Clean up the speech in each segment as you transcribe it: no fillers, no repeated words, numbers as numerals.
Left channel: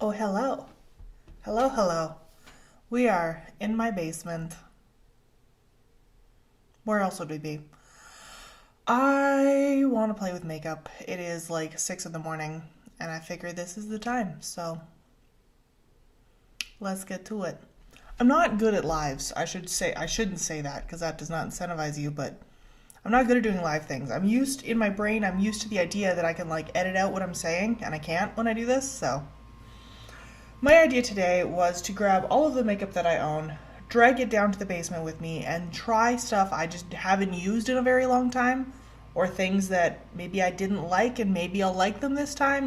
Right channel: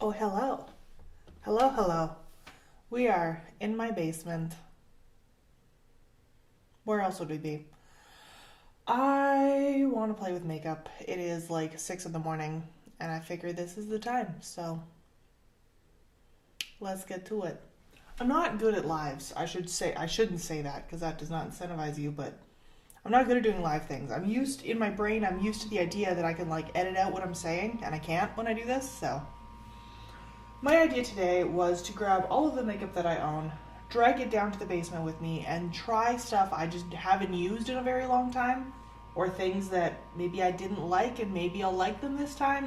Oh, hello. Hello, hello. We are in my basement. Where else would we be? I want to play with makeup. It is like 6 in the morning, and I figure this is the time, so let's get to it. I'm not good at lives. I shouldn't say that because that does not incentivize you, but I'm not good at doing live things. In my brain, I'm used to the idea that I can like edit out what I'm saying, and I can't when I do this, so my idea today was to grab all of the makeup that I own, drag it down to the basement with me, and try stuff I just haven't used in a very long time, or things that maybe I didn't like and maybe I'll like them this time.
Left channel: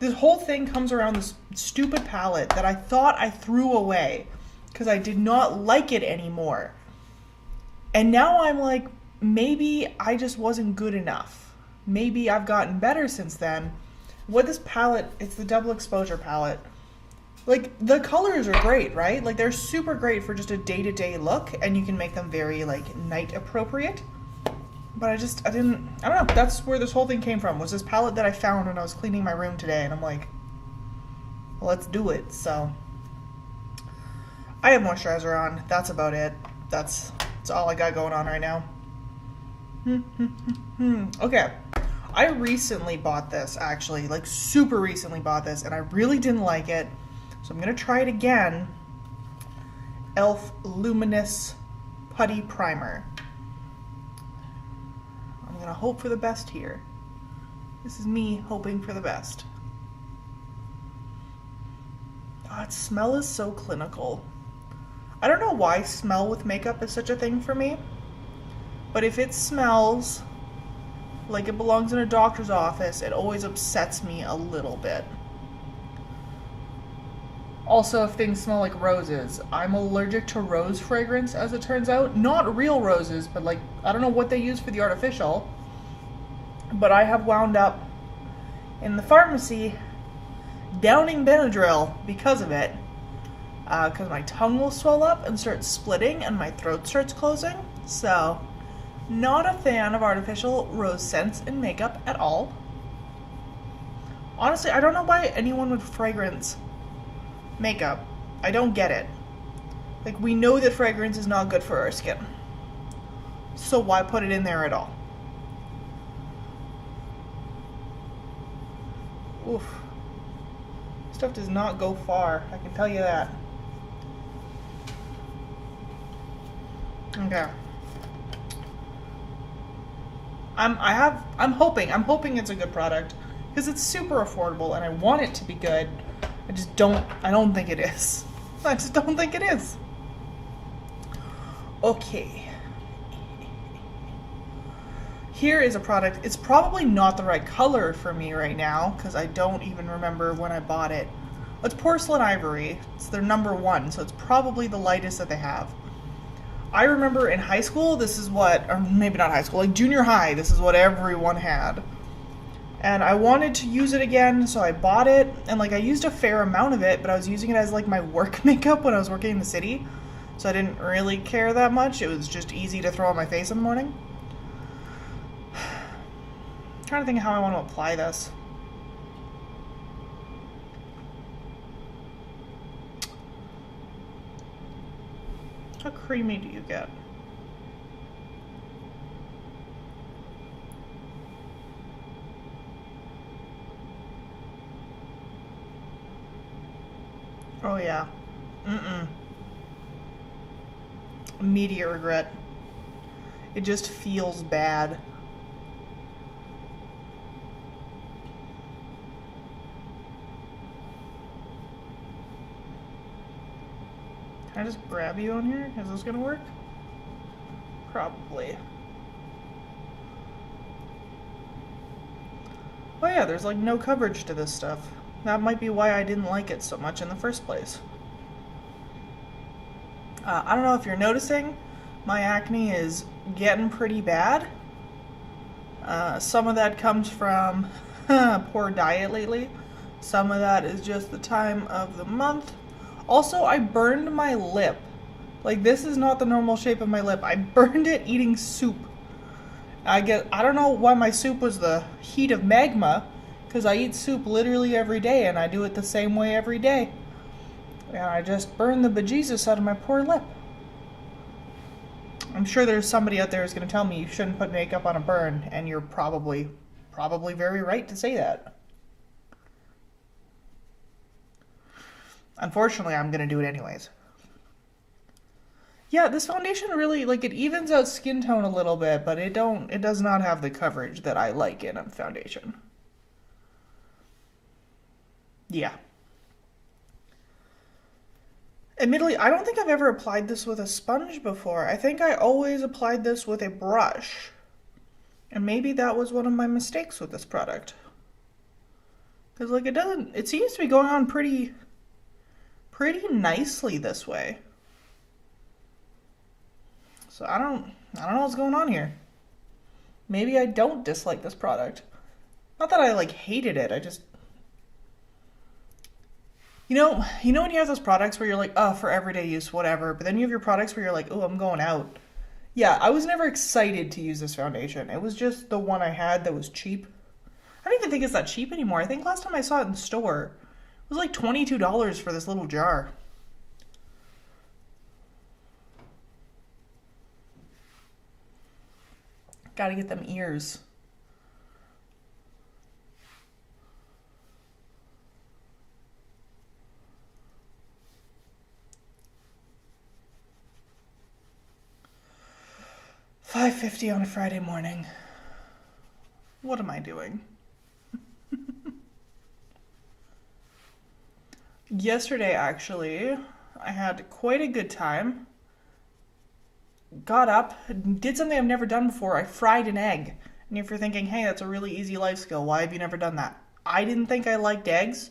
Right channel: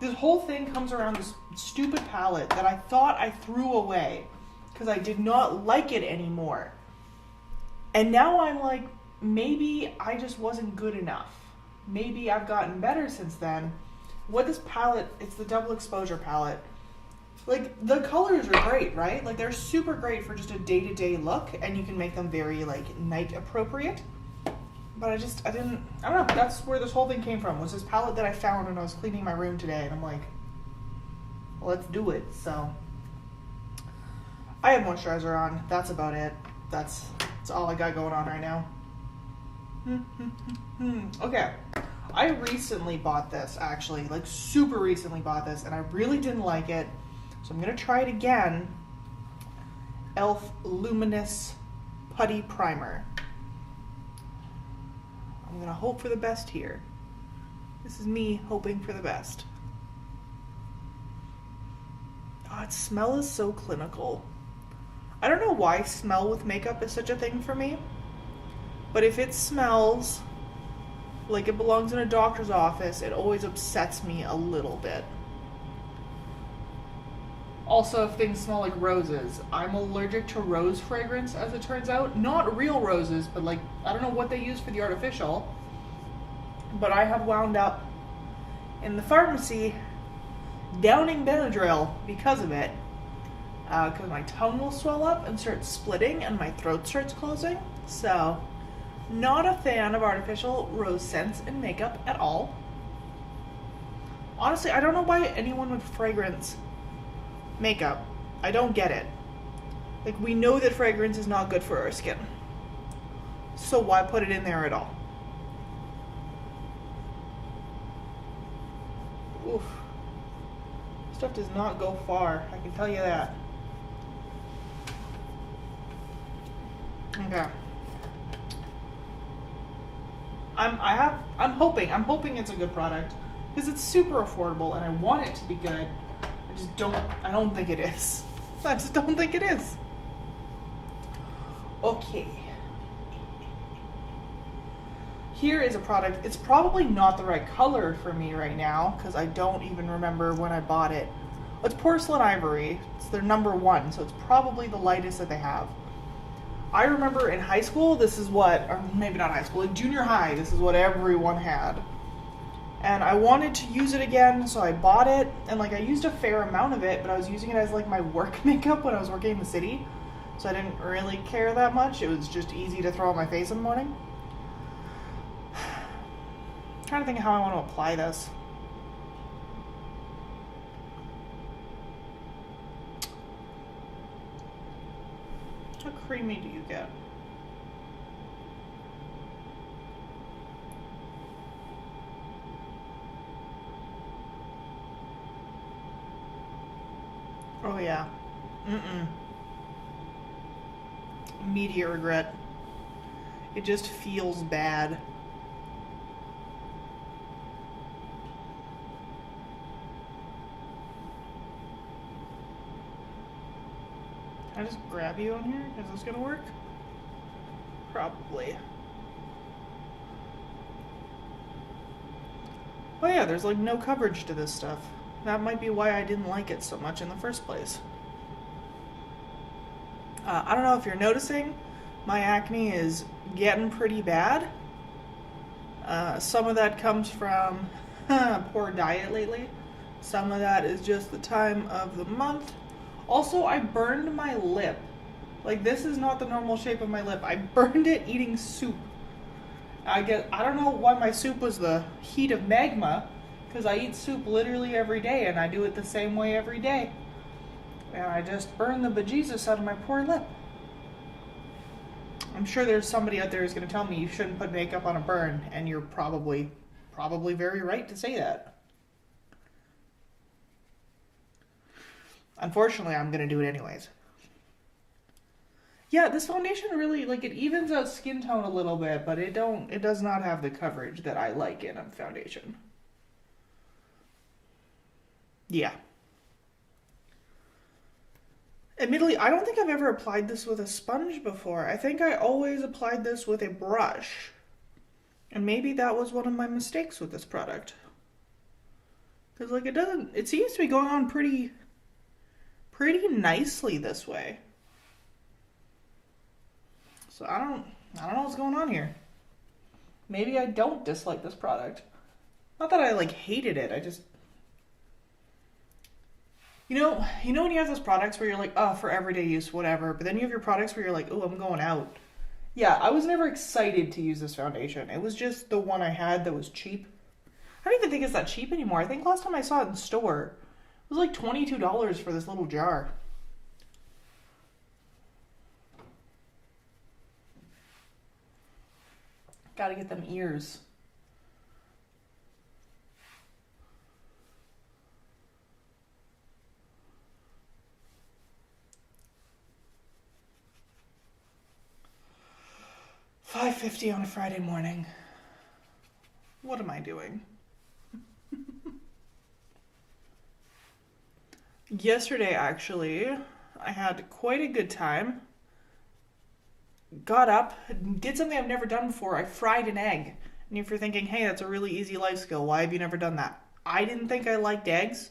This whole thing comes around this stupid palette that I thought I threw away because I did not like it anymore. And now I'm like, maybe I just wasn't good enough. Maybe I've gotten better since then. What this palette, it's the double exposure palette. Like, the colors are great, right? Like, they're super great for just a day-to-day look, and you can make them very, like, night appropriate. But I don't know, that's where this whole thing came from, was this palette that I found when I was cleaning my room today, and I'm like, well, let's do it. So, I have moisturizer on, that's about it. That's all I got going on right now. Okay. I recently bought this, actually, like, super recently bought this, and I really didn't like it. So I'm going to try it again. e.l.f. Luminous Putty Primer. I'm going to hope for the best here. This is me hoping for the best. Oh, its smell is so clinical. I don't know why smell with makeup is such a thing for me. But if it smells like it belongs in a doctor's office, it always upsets me a little bit. Also, if things smell like roses, I'm allergic to rose fragrance, as it turns out. Not real roses, but like, I don't know what they use for the artificial. But I have wound up in the pharmacy downing Benadryl because of it. Because my tongue will swell up and start splitting and my throat starts closing. So, not a fan of artificial rose scents in makeup at all. Honestly, I don't know why anyone would fragrance makeup. I don't get it. Like, we know that fragrance is not good for our skin. So why put it in there at all? Oof. Stuff does not go far, I can tell you that. Okay. I'm hoping it's a good product because it's super affordable and I want it to be good. I don't think it is. I just don't think it is. Okay. Here is a product. It's probably not the right color for me right now because I don't even remember when I bought it. It's Porcelain Ivory. It's their #1, so it's probably the lightest that they have. I remember in high school, or maybe not high school, like junior high, this is what everyone had. And I wanted to use it again, so I bought it, and like I used a fair amount of it, but I was using it as like my work makeup when I was working in the city, so I didn't really care that much. It was just easy to throw on my face in the morning. I'm trying to think of how I want to apply this. How creamy do you get? Oh yeah. Immediate regret. It just feels bad. Can I just grab you on here? Is this gonna work? Probably. Oh yeah, there's like no coverage to this stuff. That might be why I didn't like it so much in the first place. I don't know if you're noticing, my acne is getting pretty bad. Some of that comes from poor diet lately. Some of that is just the time of the month. Also, I burned my lip. Like, this is not the normal shape of my lip. I burned it eating soup. I don't know why my soup was the heat of magma, Because I eat soup literally every day, and I do it the same way every day. And I just burn the bejesus out of my poor lip. I'm sure there's somebody out there who's going to tell me you shouldn't put makeup on a burn, and you're probably very right to say that. Unfortunately, I'm going to do it anyways. Yeah, this foundation really, like, it evens out skin tone a little bit, but it does not have the coverage that I like in a foundation. Yeah. Admittedly, I don't think I've ever applied this with a sponge before. I think I always applied this with a brush. And maybe that was one of my mistakes with this product. Because, like, it seems to be going on pretty nicely this way. So I don't know what's going on here. Maybe I don't dislike this product. Not that I, like, hated it, I just... You know when you have those products where you're like, oh, for everyday use, whatever, but then you have your products where you're like, oh, I'm going out. Yeah, I was never excited to use this foundation. It was just the one I had that was cheap. I don't even think it's that cheap anymore. I think last time I saw it in store, it was like $22 for this little jar. Gotta get them ears. $5.50 on a Friday morning. What am I doing? Yesterday, actually, I had quite a good time. Got up, did something I've never done before. I fried an egg. And if you're thinking, hey, that's a really easy life skill, why have you never done that? I didn't think I liked eggs,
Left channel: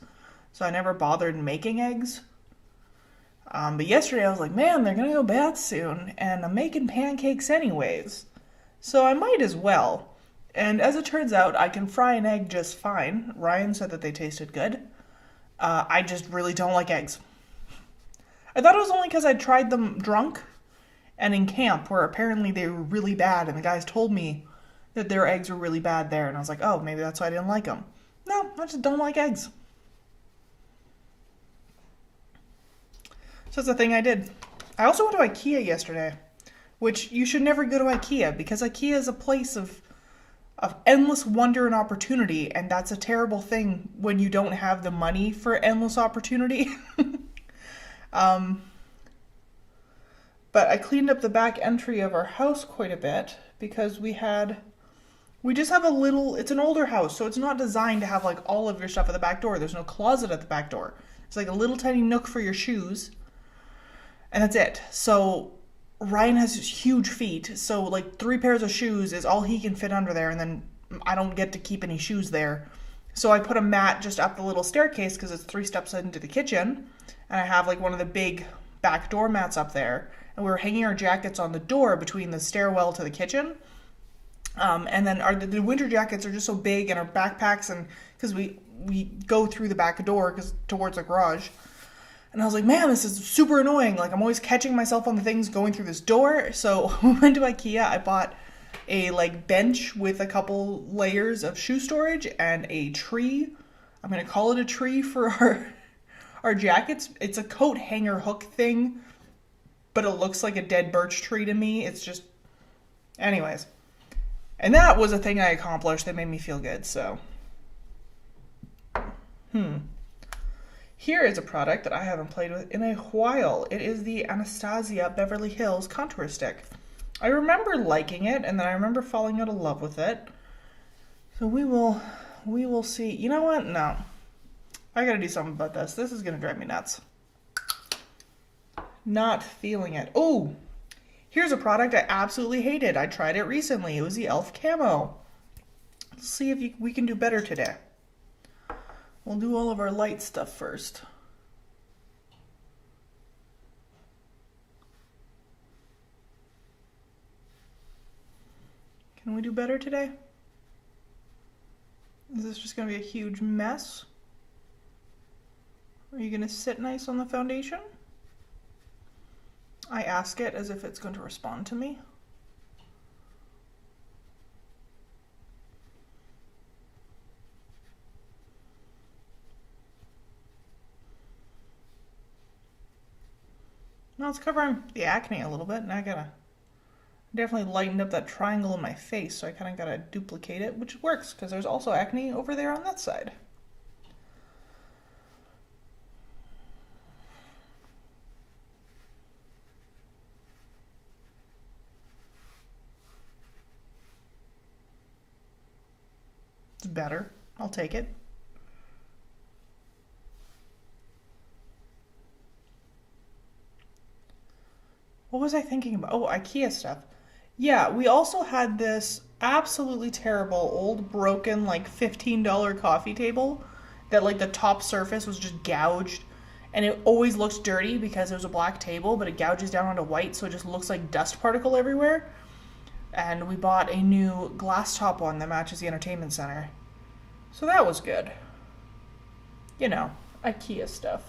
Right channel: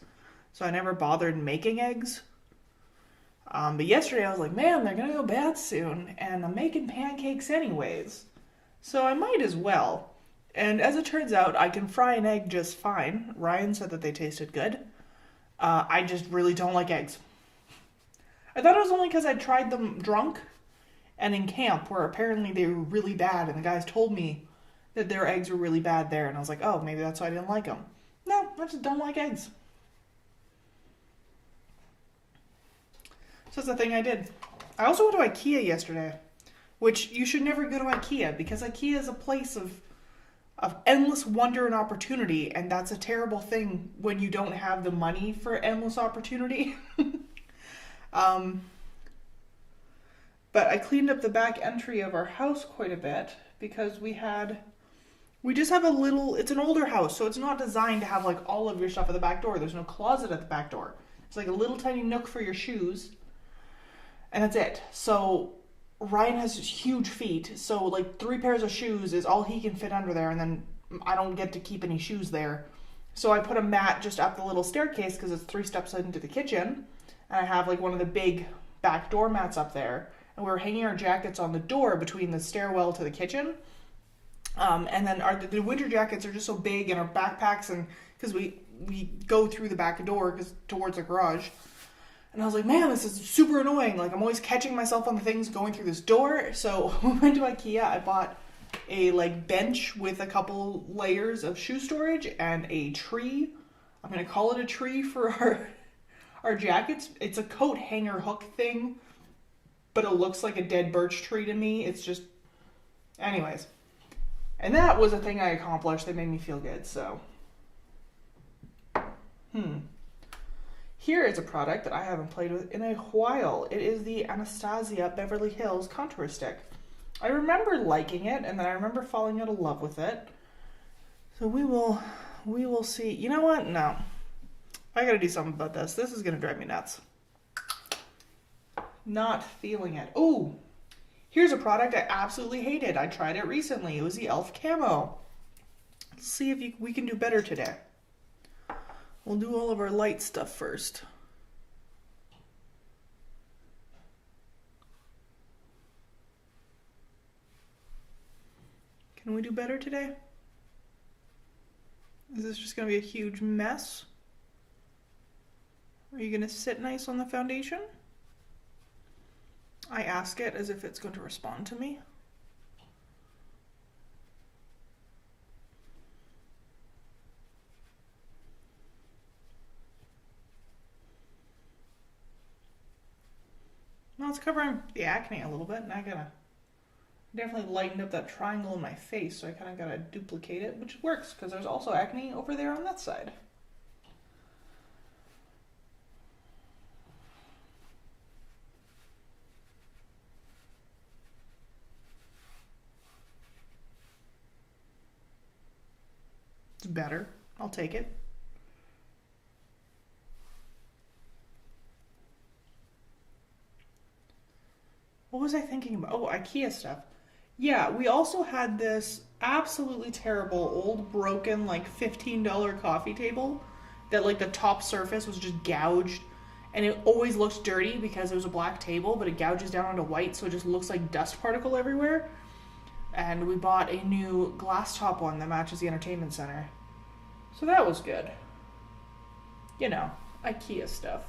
so I never bothered making eggs. But yesterday I was like, man, they're gonna go bad soon, and I'm making pancakes anyways. So I might as well. And as it turns out, I can fry an egg just fine. Ryan said that they tasted good. I just really don't like eggs. I thought it was only because I tried them drunk and in camp, where apparently they were really bad, and the guys told me that their eggs were really bad there, and I was like, oh, maybe that's why I didn't like them. No, I just don't like eggs. So that's the thing I did. I also went to IKEA yesterday, which you should never go to IKEA, because IKEA is a place of endless wonder and opportunity, and that's a terrible thing when you don't have the money for endless opportunity. But I cleaned up the back entry of our house quite a bit, because we just have it's an older house, so it's not designed to have like all of your stuff at the back door. There's no closet at the back door. It's like a little tiny nook for your shoes, and that's it. So Ryan has huge feet, so like 3 pairs of shoes is all he can fit under there, and then I don't get to keep any shoes there. So I put a mat just up the little staircase, because it's 3 steps into the kitchen, and I have like one of the big back door mats up there, and we were hanging our jackets on the door between the stairwell to the kitchen. And then the winter jackets are just so big, and our backpacks, and because we go through the back door towards the garage. And I was like, man, this is super annoying. Like, I'm always catching myself on the things going through this door. So we went to IKEA. I bought a like bench with a couple layers of shoe storage and a tree. I'm gonna call it a tree for our jackets. It's a coat hanger hook thing, but it looks like a dead birch tree to me. It's just, anyways. And that was a thing I accomplished that made me feel good, so. Here is a product that I haven't played with in a while. It is the Anastasia Beverly Hills Contour Stick. I remember liking it, and then I remember falling out of love with it. So we will see. You know what? No. I gotta do something about this. This is gonna drive me nuts. Not feeling it. Oh! Here's a product I absolutely hated. I tried it recently. It was the e.l.f. Camo. Let's see if we can do better today. We'll do all of our light stuff first. Can we do better today? Is this just going to be a huge mess? Are you going to sit nice on the foundation? I ask it as if it's going to respond to me. Now it's covering the acne a little bit, and I gotta definitely lightened up that triangle in my face, so I kind of gotta duplicate it, which works because there's also acne over there on that side. It's better. I'll take it. What was I thinking about? Oh, IKEA stuff. Yeah, we also had this absolutely terrible old broken like $15 coffee table that like the top surface was just gouged, and it always looks dirty because it was a black table, but it gouges down onto white, so it just looks like dust particle everywhere. And we bought a new glass top one that matches the entertainment center. So that was good. You know, IKEA stuff.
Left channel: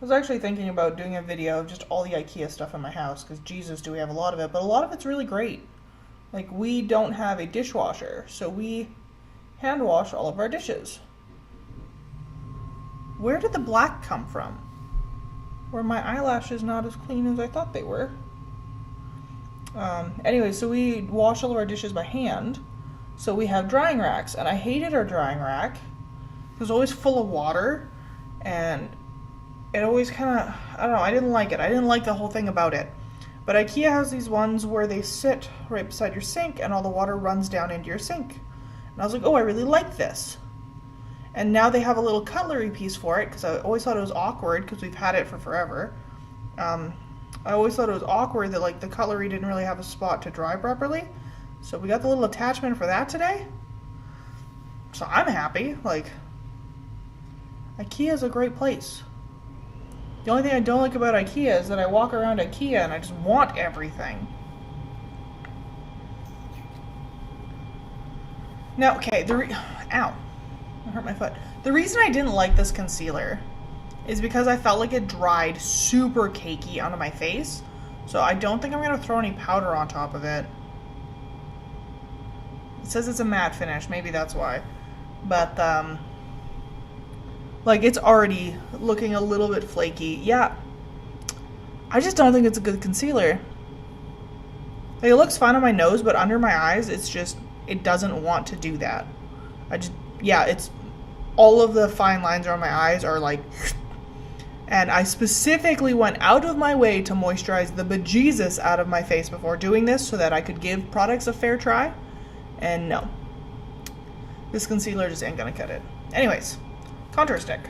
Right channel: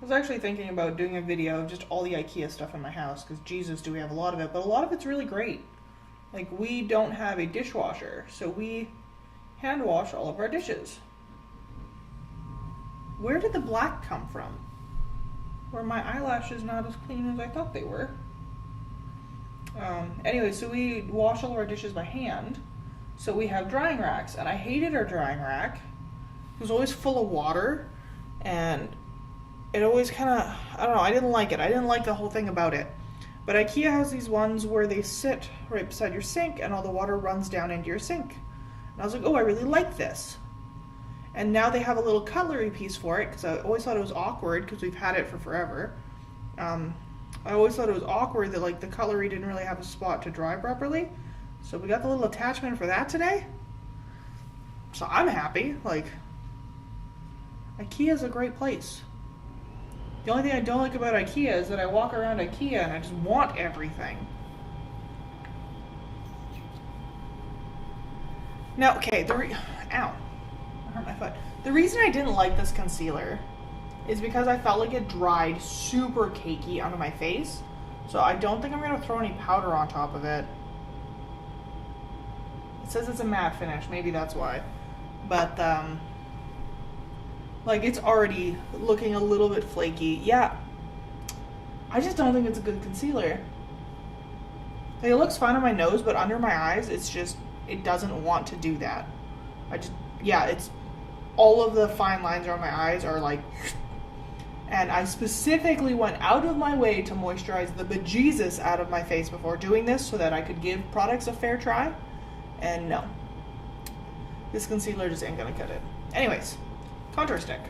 I was actually thinking about doing a video of just all the IKEA stuff in my house, because Jesus, do we have a lot of it, but a lot of it's really great. Like, we don't have a dishwasher, so we hand wash all of our dishes. Where did the black come from? Were my eyelashes not as clean as I thought they were? Anyway, so we wash all of our dishes by hand, so we have drying racks, and I hated our drying rack. It was always full of water, and it always kind of, I don't know, I didn't like it. I didn't like the whole thing about it. But IKEA has these ones where they sit right beside your sink and all the water runs down into your sink. And I was like, oh, I really like this. And now they have a little cutlery piece for it, because I always thought it was awkward, because we've had it for forever. I always thought it was awkward that like the cutlery didn't really have a spot to dry properly. So we got the little attachment for that today. So I'm happy. Like, IKEA is a great place. The only thing I don't like about IKEA is that I walk around IKEA and I just want everything. Now, okay, ow, I hurt my foot. The reason I didn't like this concealer is because I felt like it dried super cakey onto my face. So I don't think I'm going to throw any powder on top of it. It says it's a matte finish, maybe that's why. But, like, it's already looking a little bit flaky. Yeah, I just don't think it's a good concealer. Like, it looks fine on my nose, but under my eyes, it's just, it doesn't want to do that. Yeah, it's, all of the fine lines around my eyes are like, and I specifically went out of my way to moisturize the bejesus out of my face before doing this so that I could give products a fair try. And no. This concealer just ain't gonna cut it. Anyways, contour stick.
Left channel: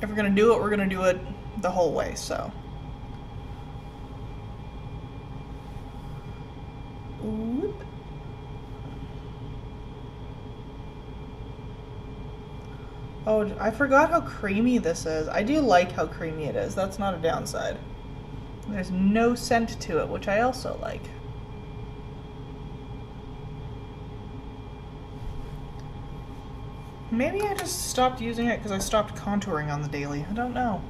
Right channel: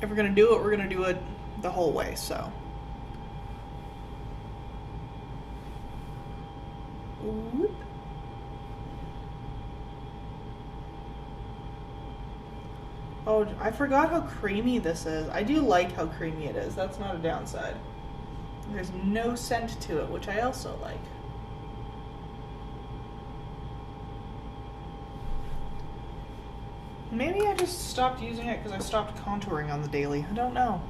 If we're gonna do it, we're gonna do it the whole way, so. Whoop. Oh, I forgot how creamy this is. I do like how creamy it is. That's not a downside. There's no scent to it, which I also like. Maybe I just stopped using it because I stopped contouring on the daily. I don't know.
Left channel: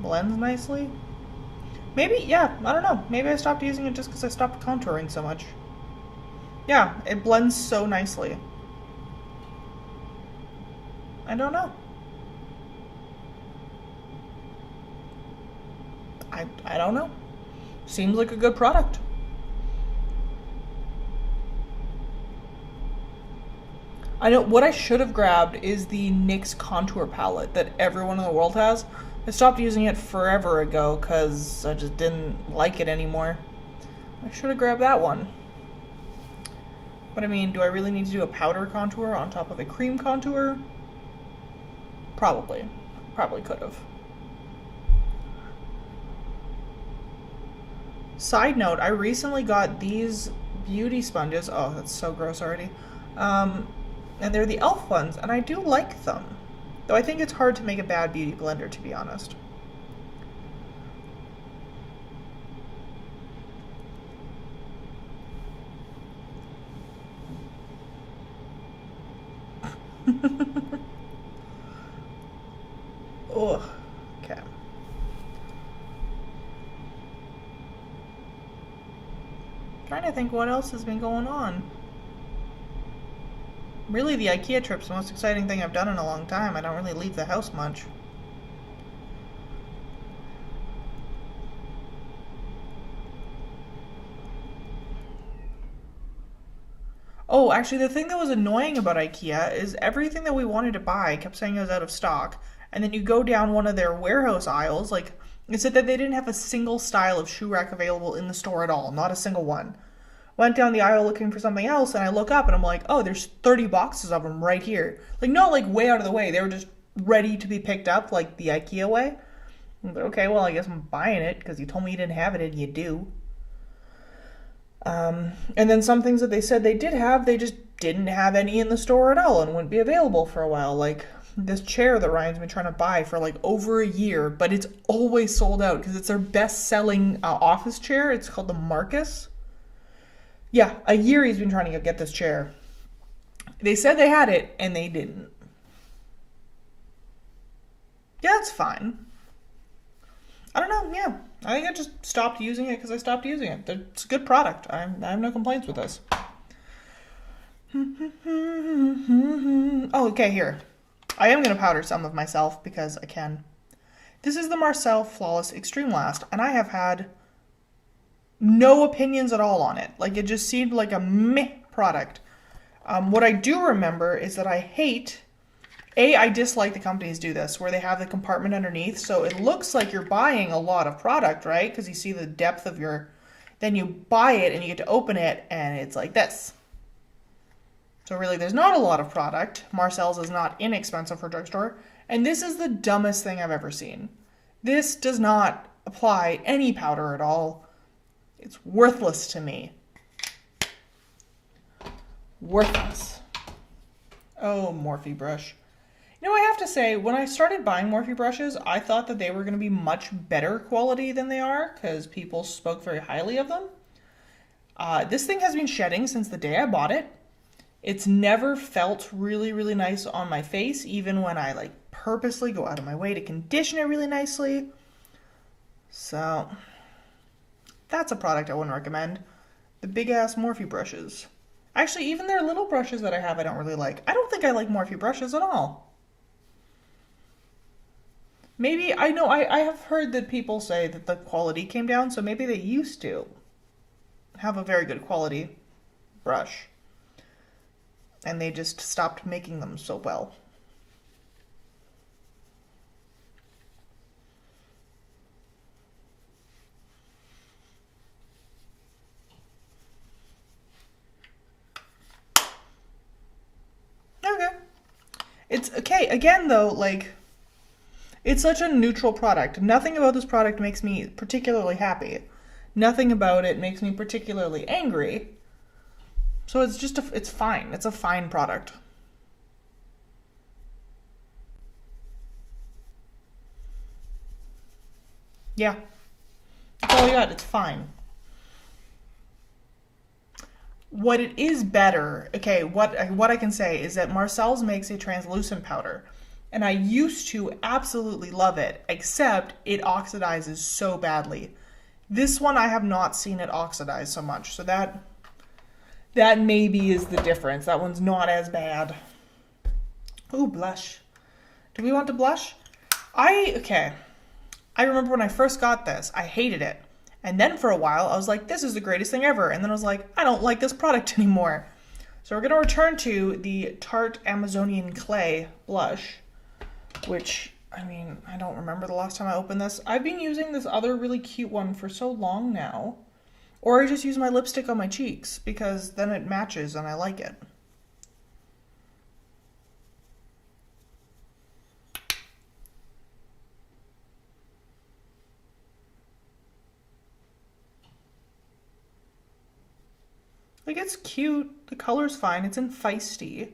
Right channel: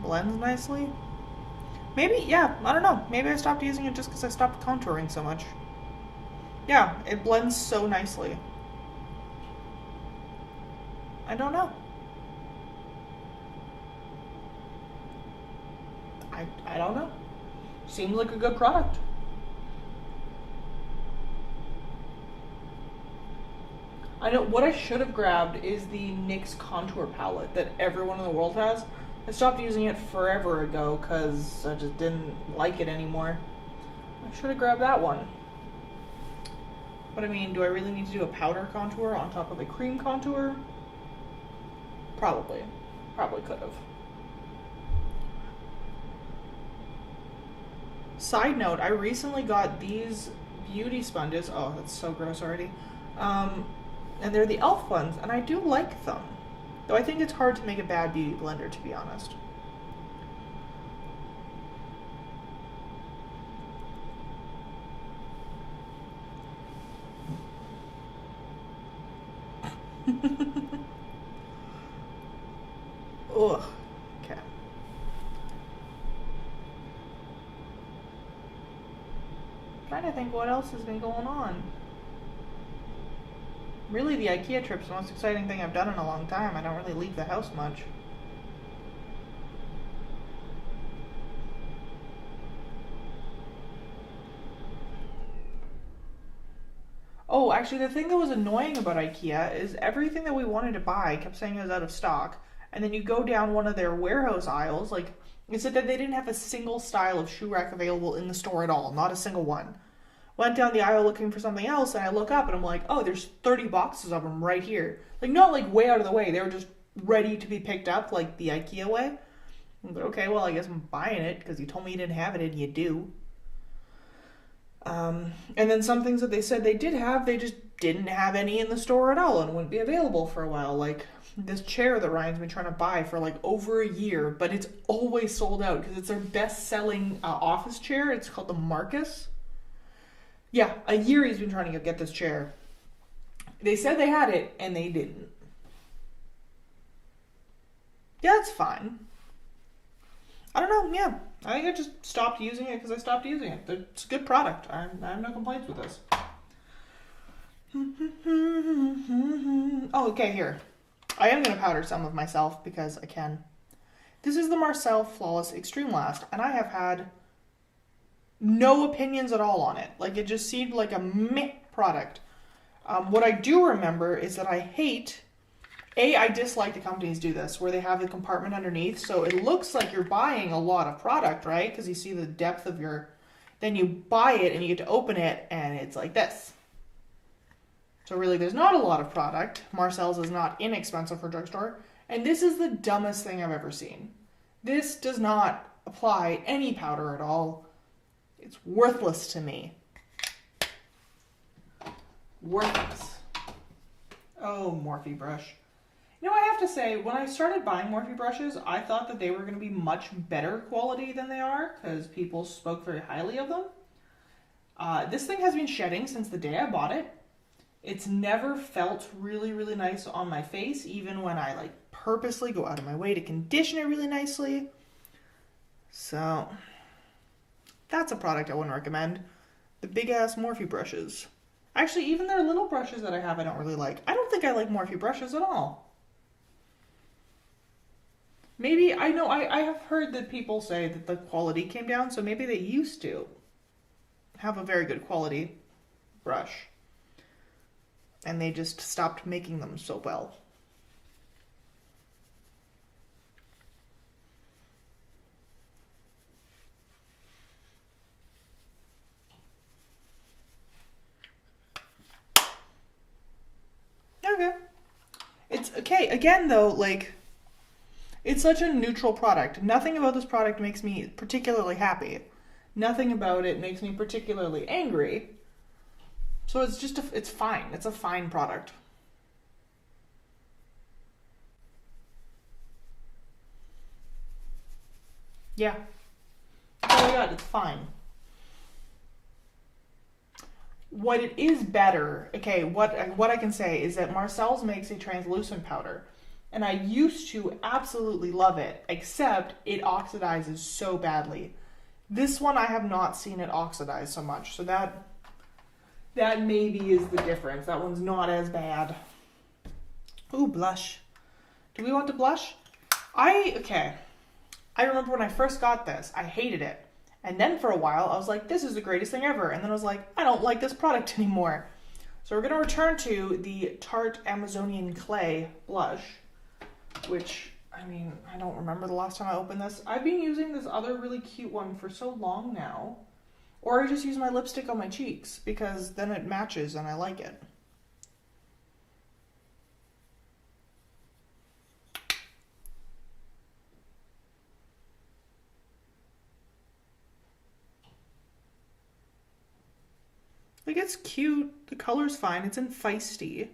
Blends nicely. Maybe, yeah, I don't know. Maybe I stopped using it just because I stopped contouring so much. Yeah, it blends so nicely. I don't know. I don't know. Seems like a good product. I know what I should have grabbed is the NYX contour palette that everyone in the world has. I stopped using it forever ago because I just didn't like it anymore. I should have grabbed that one. But I mean, do I really need to do a powder contour on top of a cream contour? Probably. Probably could have. Side note, I recently got these beauty sponges. Oh, that's so gross already. And they're the e.l.f. ones, and I do like them. Though I think it's hard to make a bad beauty blender, to be honest. Ugh. Okay. Trying to think what else has been going on. Really, the IKEA trip's the most exciting thing I've done in a long time. I don't really leave the house much. Oh, actually, the thing that was annoying about IKEA is everything that we wanted to buy kept saying it was out of stock. And then you go down one of their warehouse aisles, like, it said that they didn't have a single style of shoe rack available in the store at all, not a single one. Went down the aisle looking for something else, and I look up and I'm like, oh, there's 30 boxes of them right here. Like, not like way out of the way. They were just ready to be picked up, like the IKEA way. But okay, well, I guess I'm buying it because you told me you didn't have it, and you do. And then some things that they said they did have, they just didn't have any in the store at all and wouldn't be available for a while. Like this chair that Ryan's been trying to buy for like over a year, but it's always sold out because it's their best-selling office chair. It's called the Marcus. Yeah, a year he's been trying to get this chair. They said they had it, and they didn't. Yeah, it's fine. I don't know, yeah. I think I just stopped using it because I stopped using it. It's a good product. I have no complaints with this. Oh, okay, here. I am going to powder some of myself because I can. This is the Marcel Flawless Extreme Last, and I have had no opinions at all on it. Like, it just seemed like a meh product. What I do remember is that I dislike the companies do this, where they have the compartment underneath, so it looks like you're buying a lot of product, right? Because you see the depth of then you buy it and you get to open it, and it's like this. So really, there's not a lot of product. Marcel's is not inexpensive for a drugstore, and this is the dumbest thing I've ever seen. This does not apply any powder at all. It's worthless to me. Worthless. Oh, Morphe brush. You know, I have to say, when I started buying Morphe brushes, I thought that they were going to be much better quality than they are because people spoke very highly of them. This thing has been shedding since the day I bought it. It's never felt really, really nice on my face, even when I like purposely go out of my way to condition it really nicely. So, that's a product I wouldn't recommend. The big-ass Morphe brushes. Actually, even their little brushes that I have, I don't really like. I don't think I like Morphe brushes at all. Maybe, I know, I have heard that people say that the quality came down, so maybe they used to have a very good quality brush. And they just stopped making them so well. Okay. It's okay. Again, though, like, it's such a neutral product. Nothing about this product makes me particularly happy. Nothing about it makes me particularly angry. So it's just, it's fine. It's a fine product. Yeah. That's all I got. It's fine. What it is better, okay, what I can say is that Marcel's makes a translucent powder. And I used to absolutely love it, except it oxidizes so badly. This one I have not seen it oxidize so much, so that maybe is the difference. That one's not as bad. Ooh, blush. Do we want to blush? Okay. I remember when I first got this, I hated it. And then for a while, I was like, this is the greatest thing ever. And then I was like, I don't like this product anymore. So we're going to return to the Tarte Amazonian Clay blush, which, I mean, I don't remember the last time I opened this. I've been using this other really cute one for so long now. Or I just use my lipstick on my cheeks because then it matches and I like it. Like, it's cute. The color's fine. It's in Feisty.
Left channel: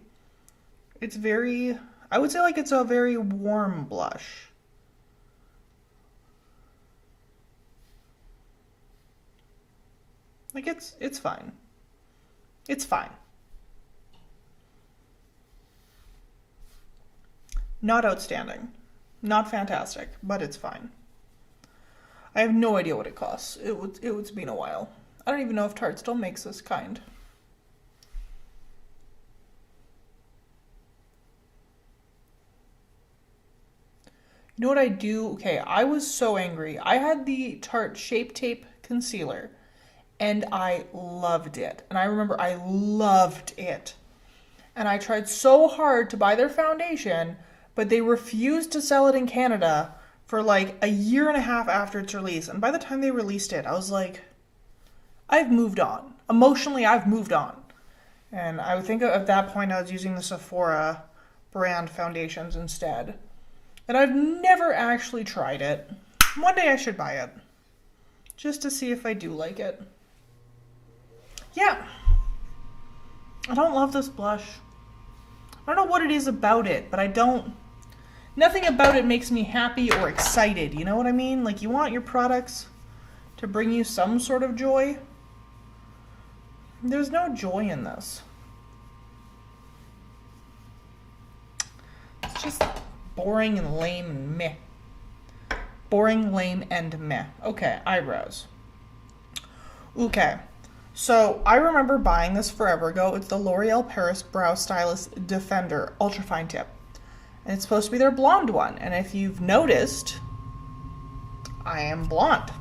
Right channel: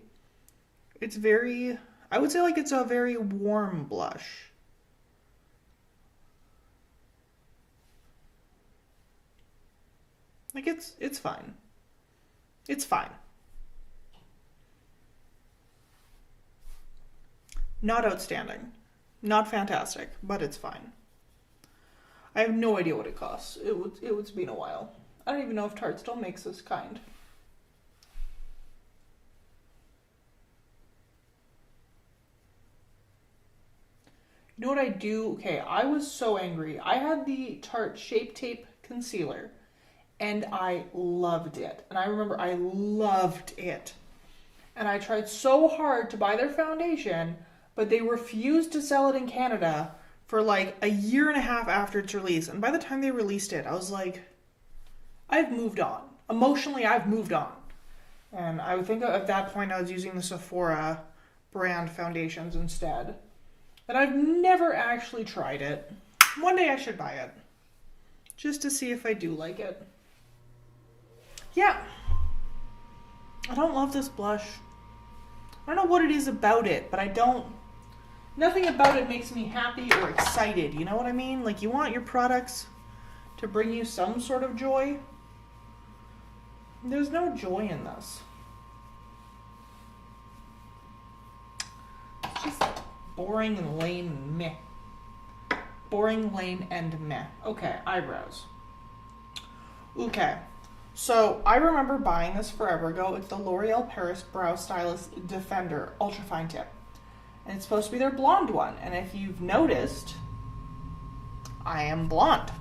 It's very, I would say like it's a very warm blush. Like, it's fine. It's fine. Not outstanding. Not fantastic, but it's fine. I have no idea what it costs. It's been a while. I don't even know if Tarte still makes this kind. You know what I do? Okay, I was so angry. I had the Tarte Shape Tape Concealer, and I loved it. And I remember I loved it. And I tried so hard to buy their foundation, but they refused to sell it in Canada for like a year and a half after its release. And by the time they released it, I was like, I've moved on. Emotionally, I've moved on. And I would think at that point I was using the Sephora brand foundations instead. And I've never actually tried it. One day I should buy it. Just to see if I do like it. Yeah. I don't love this blush. I don't know what it is about it, but nothing about it makes me happy or excited. You know what I mean? Like, you want your products to bring you some sort of joy. There's no joy in this. It's just boring and lame and meh. Boring, lame, and meh. Okay, eyebrows. Okay, so I remember buying this forever ago. It's the L'Oreal Paris Brow Stylist Defender Ultra Fine Tip. And it's supposed to be their blonde one. And if you've noticed, I am blonde.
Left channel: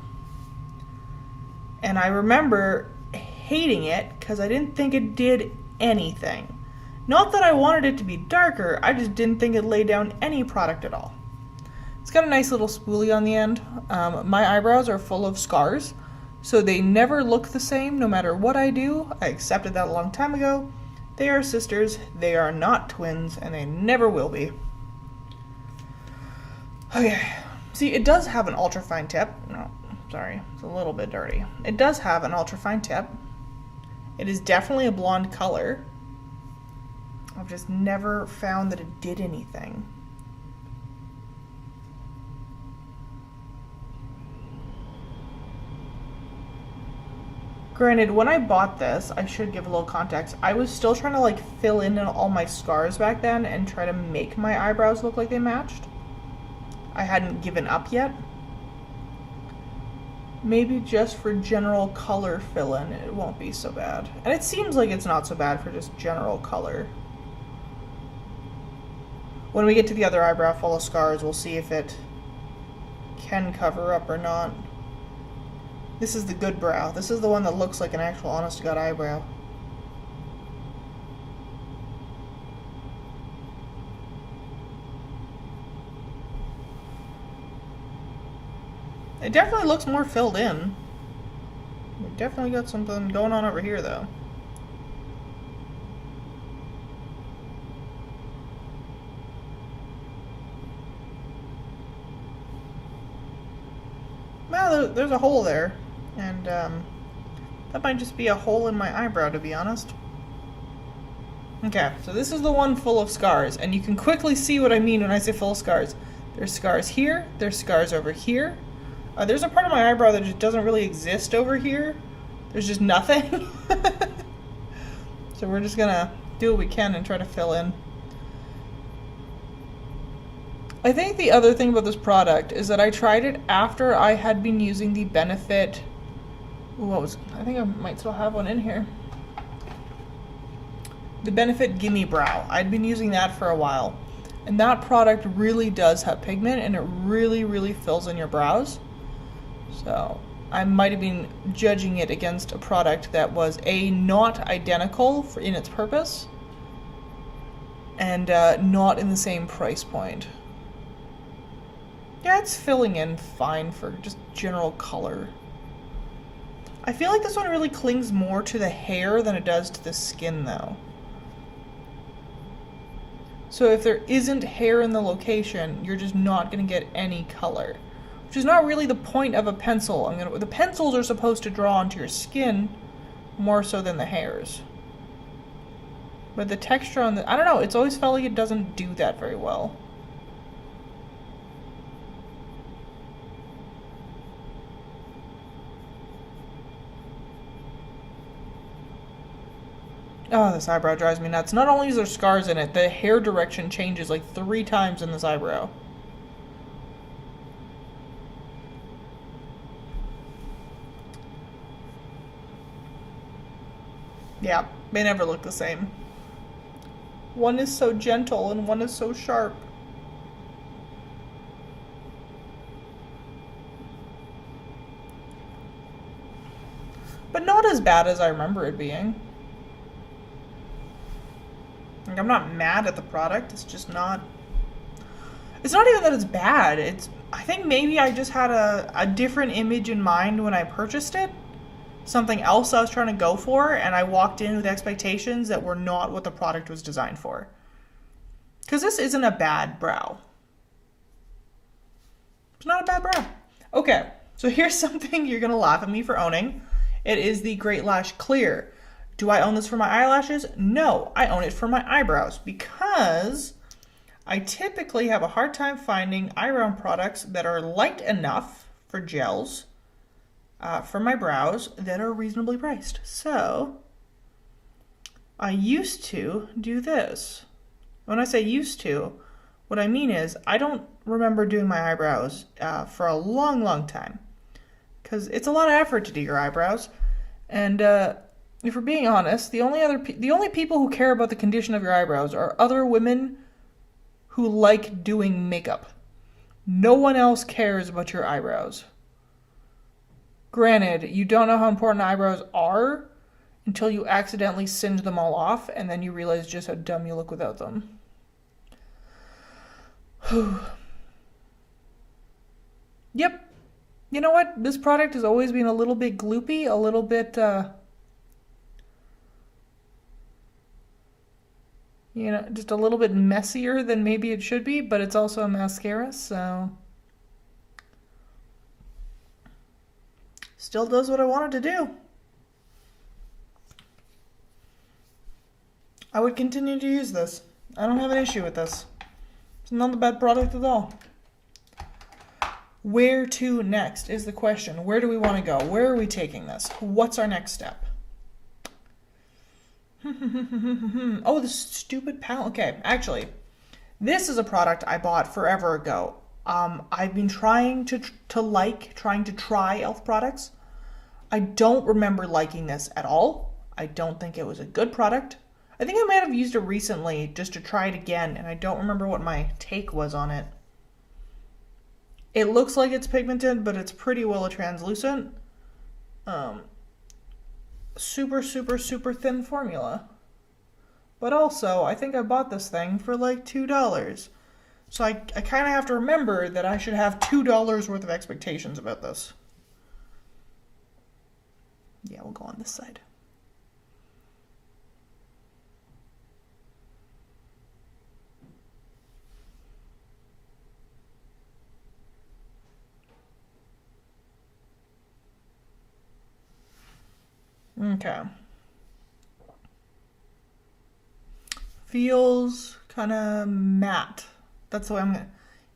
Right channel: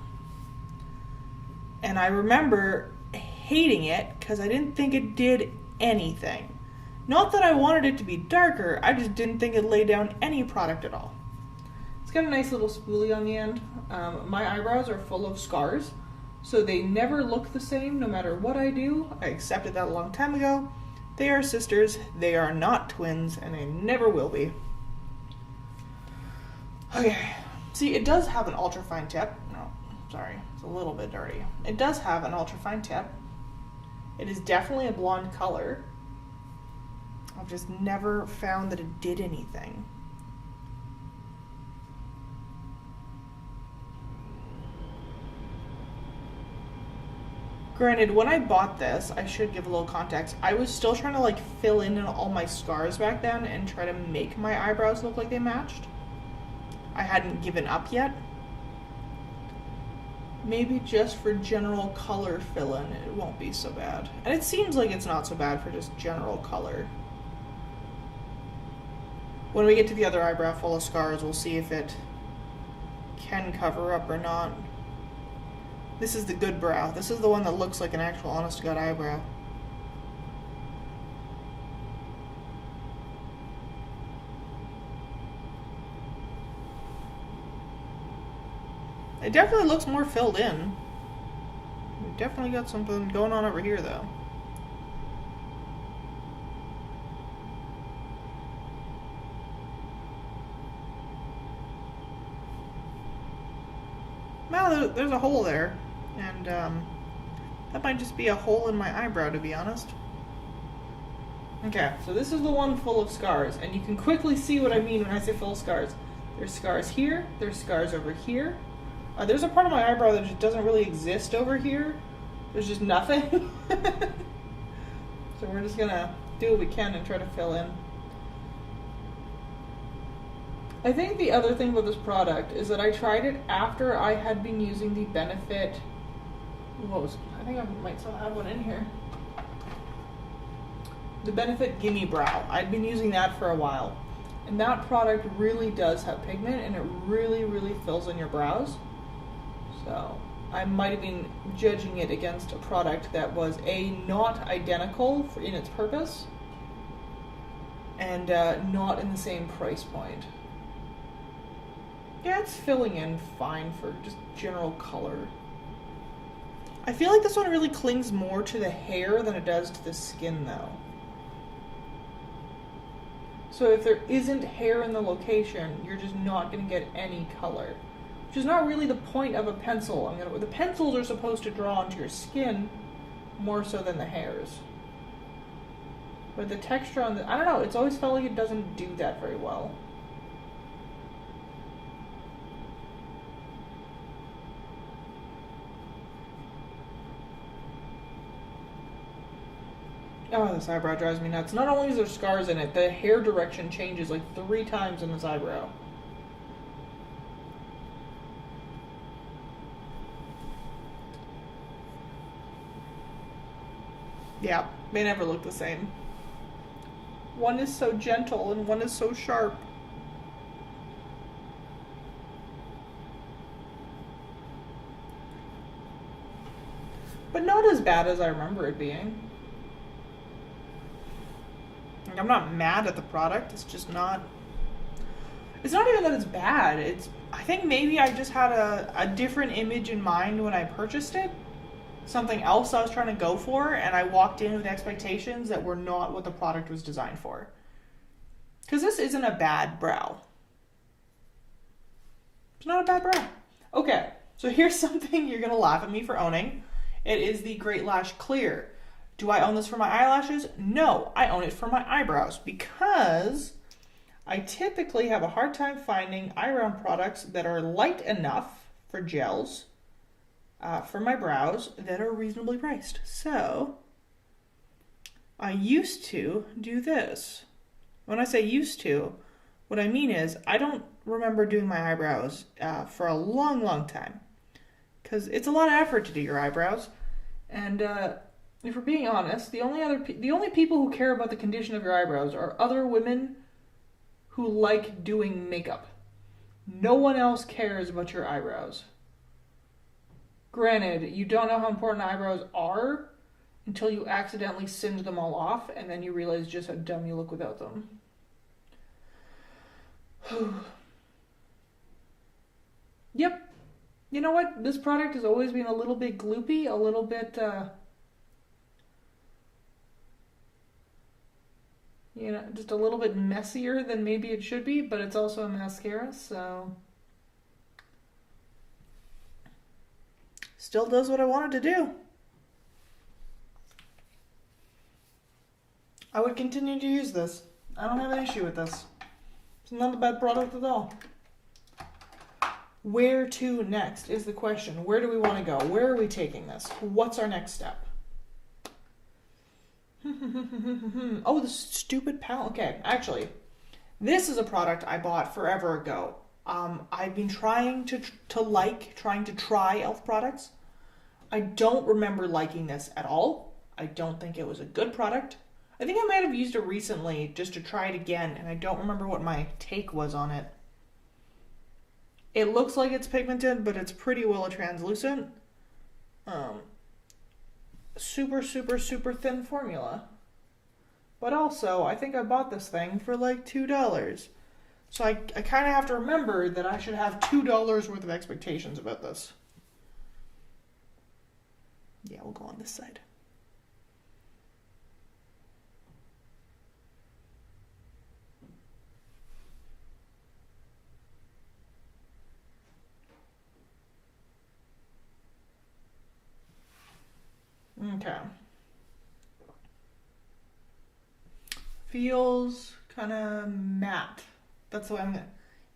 And I remember hating it because I didn't think it did anything. Not that I wanted it to be darker, I just didn't think it laid down any product at all. It's got a nice little spoolie on the end. My eyebrows are full of scars, so they never look the same no matter what I do. I accepted that a long time ago. They are sisters, they are not twins, and they never will be. Okay, see, it does have an ultra fine tip. No, sorry, it's a little bit dirty. It does have an ultra fine tip. It is definitely a blonde color. I've just never found that it did anything. Granted, when I bought this, I should give a little context, I was still trying to like fill in all my scars back then and try to make my eyebrows look like they matched. I hadn't given up yet. Maybe just for general color fill-in, it won't be so bad. And it seems like it's not so bad for just general color. When we get to the other eyebrow full of scars, we'll see if it can cover up or not. This is the good brow. This is the one that looks like an actual honest-to-God eyebrow. It definitely looks more filled in. We definitely got something going on over here, though. Well, there's a hole there, and that might just be a hole in my eyebrow, to be honest. Okay, so this is the one full of scars, and you can quickly see what I mean when I say full of scars. There's scars here, there's scars over here. There's a part of my eyebrow that just doesn't really exist over here. There's just nothing. So we're just gonna do what we can and try to fill in. I think the other thing about this product is that I tried it after I had been using the Benefit. I think I might still have one in here. The Benefit Gimme Brow. I'd been using that for a while. And that product really does have pigment, and it really, really fills in your brows. So I might have been judging it against a product that was not identical in its purpose, and not in the same price point. Yeah, it's filling in fine for just general color. I feel like this one really clings more to the hair than it does to the skin, though. So if there isn't hair in the location, you're just not going to get any color. Which is not really the point of a pencil. The pencils are supposed to draw onto your skin more so than the hairs. But the texture on I don't know, it's always felt like it doesn't do that very well. Oh, this eyebrow drives me nuts. Not only is there scars in it, the hair direction changes like 3 times in this eyebrow. Yeah, they never look the same. One is so gentle and one is so sharp. But not as bad as I remember it being. Like, I'm not mad at the product. It's just not. It's not even that it's bad. I think maybe I just had a different image in mind when I purchased it. Something else I was trying to go for, and I walked in with expectations that were not what the product was designed for. Because this isn't a bad brow. It's not a bad brow. Okay, so here's something you're going to laugh at me for owning. It is the Great Lash Clear. Do I own this for my eyelashes? No, I own it for my eyebrows because I typically have a hard time finding eyebrow products that are light enough for gels for my brows that are reasonably priced. So I used to do this. When I say used to, what I mean is I don't remember doing my eyebrows for a long, long time because it's a lot of effort to do your eyebrows. And if we're being honest, the only people who care about the condition of your eyebrows are other women who like doing makeup. No one else cares about your eyebrows. Granted, you don't know how important eyebrows are until you accidentally singe them all off, and then you realize just how dumb you look without them. Yep. You know what? This product has always been a little bit gloopy, a little bit, just a little bit messier than maybe it should be, but it's also a mascara, so still does what I wanted to do. I would continue to use this. I don't have an issue with this. It's not a bad product at all. Where to next is the question. Where do we want to go? Where are we taking this? What's our next step? Oh, the stupid palette. Okay, actually, this is a product I bought forever ago. I've been trying to try e.l.f. products. I don't remember liking this at all. I don't think it was a good product. I think I might have used it recently just to try it again, and I don't remember what my take was on it. It looks like it's pigmented, but it's pretty well translucent. Super, super, super thin formula. But also, I think I bought this thing for like $2. So I kind of have to remember that I should have $2 worth of expectations about this. Yeah, we'll go on this side. Okay. Feels kind of matte. That's the way I'm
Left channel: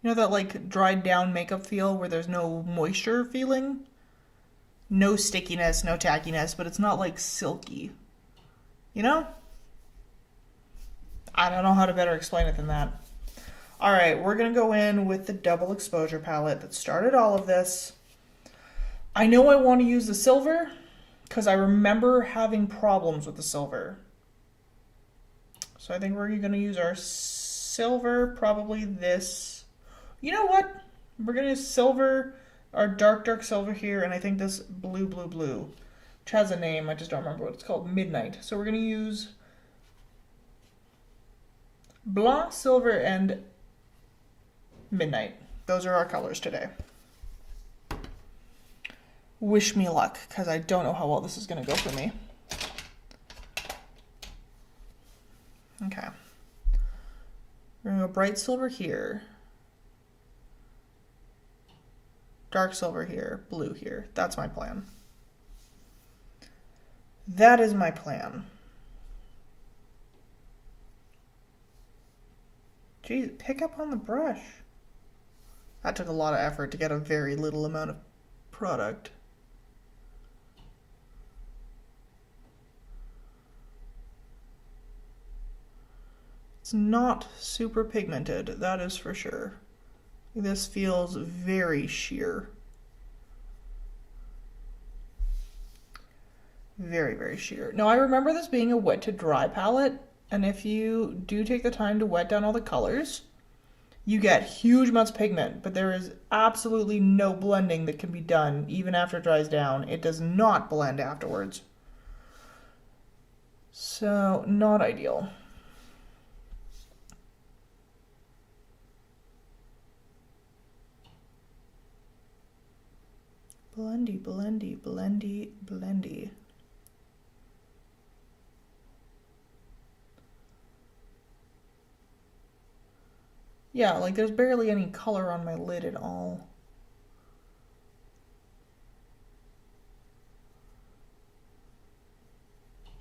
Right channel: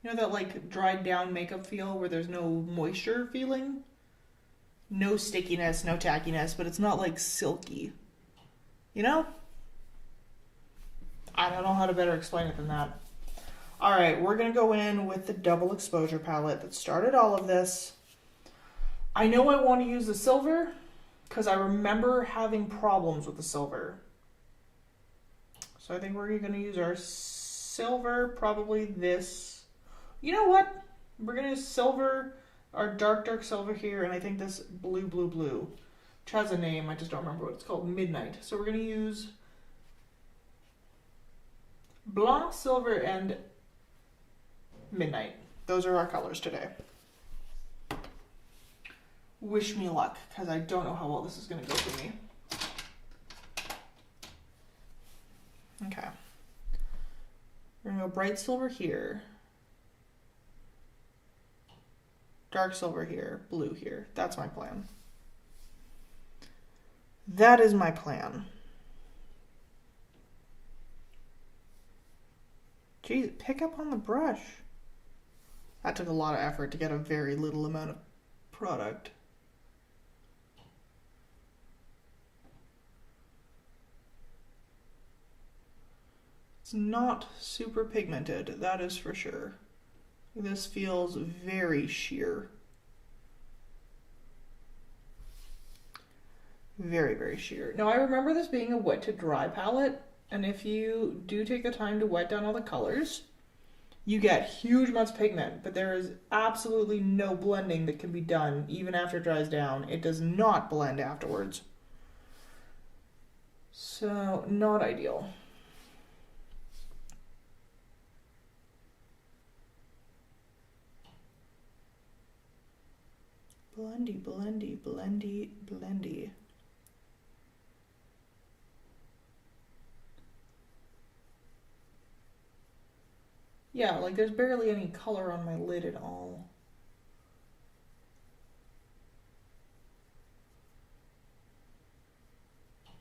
gonna. That like dried down makeup feel where there's no moisture feeling? No stickiness, no tackiness, but it's not like silky. I don't know how to better explain it than that. Alright, we're gonna go in with the double exposure palette that started all of this. I know I want to use the silver because I remember having problems with the silver. So I think we're going to use our silver, probably this. You know what? We're going to use silver, our dark, dark silver here, and I think this blue, blue, blue, which has a name, I just don't remember what it's called, Midnight. So we're going to use Blanc, Silver, and Midnight. Those are our colors today. Wish me luck, because I don't know how well this is going to go for me. Okay. We're going to go bright silver here. Dark silver here. Blue here. That's my plan. That is my plan. Jeez, pick up on the brush. That took a lot of effort to get a very little amount of product. It's not super pigmented, that is for sure. This feels very sheer. Very, very sheer. Now, I remember this being a wet to dry palette, and if you do take the time to wet down all the colors, you get huge amounts of pigment, but there is absolutely no blending that can be done even after it dries down. It does not blend afterwards. So, not ideal. Blendy, blendy, blendy, blendy. Yeah, like there's barely any color on my lid at all.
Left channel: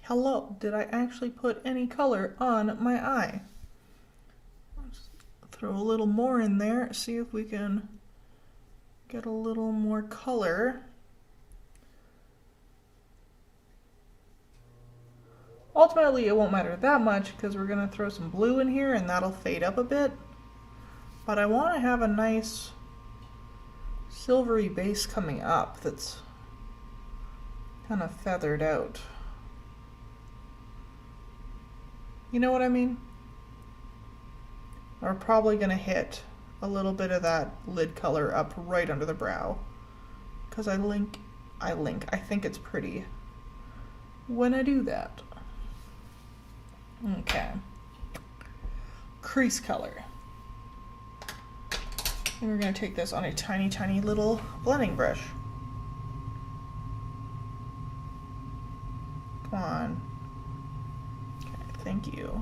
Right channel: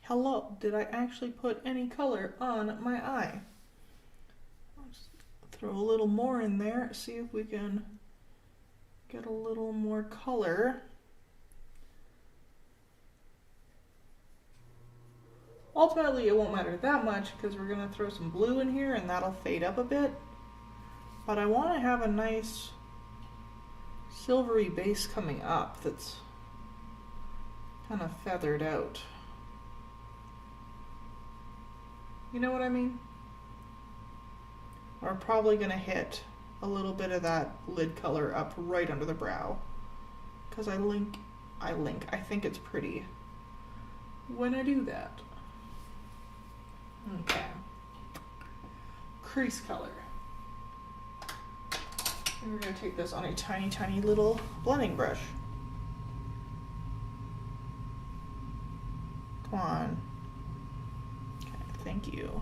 Hello, did I actually put any color on my eye? Let's throw a little more in there, see if we can get a little more color. Ultimately, it won't matter that much because we're going to throw some blue in here and that'll fade up a bit. But I want to have a nice silvery base coming up that's kind of feathered out. You know what I mean? We're probably going to hit a little bit of that lid color up right under the brow because I think it's pretty when I do that. Okay. Crease color. And we're going to take this on a tiny, tiny little blending brush. Come on. Okay, thank you.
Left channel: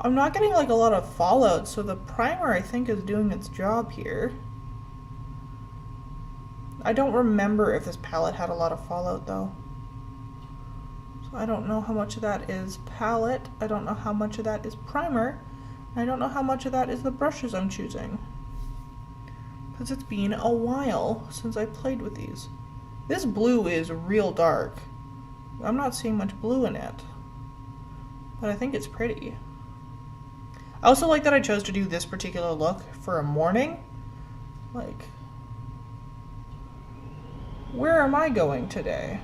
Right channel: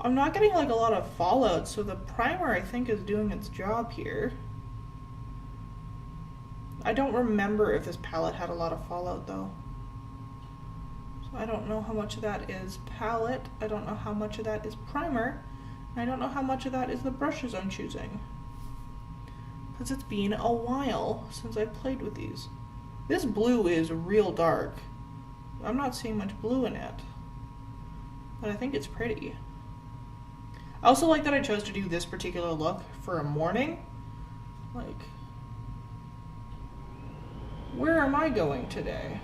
I'm not getting like a lot of fallout, so the primer I think is doing its job here. I don't remember if this palette had a lot of fallout though. So I don't know how much of that is palette, I don't know how much of that is primer, and I don't know how much of that is the brushes I'm choosing. Because it's been a while since I played with these. This blue is real dark. I'm not seeing much blue in it, but I think it's pretty. I also like that I chose to do this particular look for a morning. Like, where am I going today?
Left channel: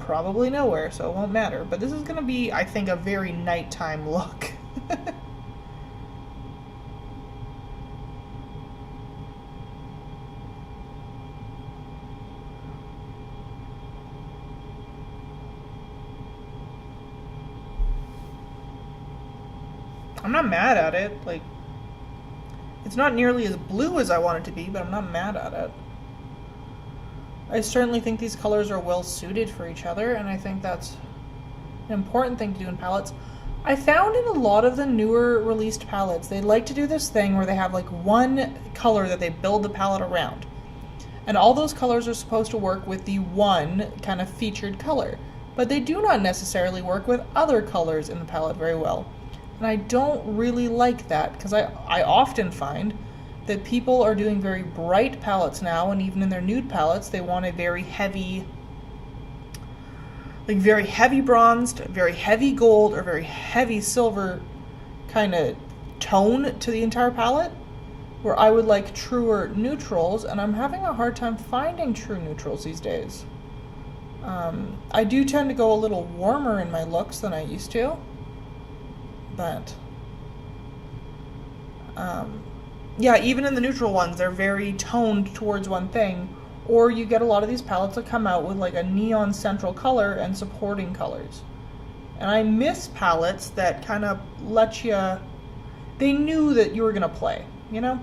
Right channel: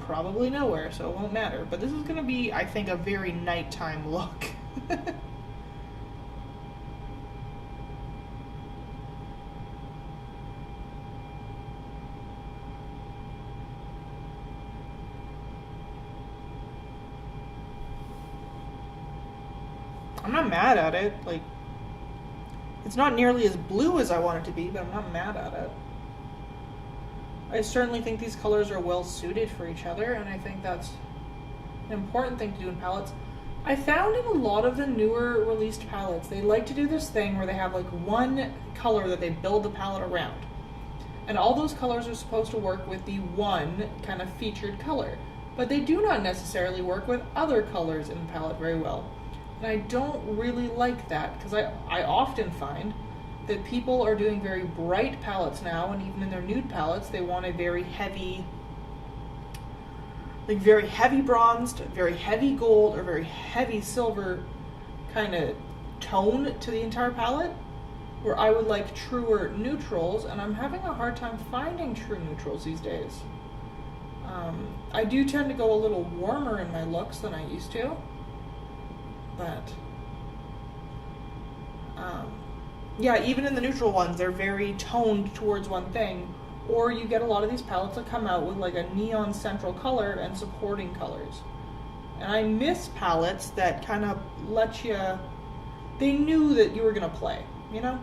Probably nowhere, so it won't matter. But this is going to be, I think, a very nighttime look. I'm not mad at it. Like, it's not nearly as blue as I want it to be, but I'm not mad at it. I certainly think these colors are well suited for each other, and I think that's an important thing to do in palettes. I found in a lot of the newer released palettes, they like to do this thing where they have like one color that they build the palette around. And all those colors are supposed to work with the one kind of featured color. But they do not necessarily work with other colors in the palette very well. And I don't really like that, because I often find that people are doing very bright palettes now, and even in their nude palettes, they want a very heavy, like very heavy bronzed, very heavy gold, or very heavy silver kind of tone to the entire palette, where I would like truer neutrals, and I'm having a hard time finding true neutrals these days. I do tend to go a little warmer in my looks than I used to. But yeah, even in the neutral ones, they're very toned towards one thing, or you get a lot of these palettes that come out with like a neon central color and supporting colors. And I miss palettes that kind of let you, they knew that you were going to play, you know?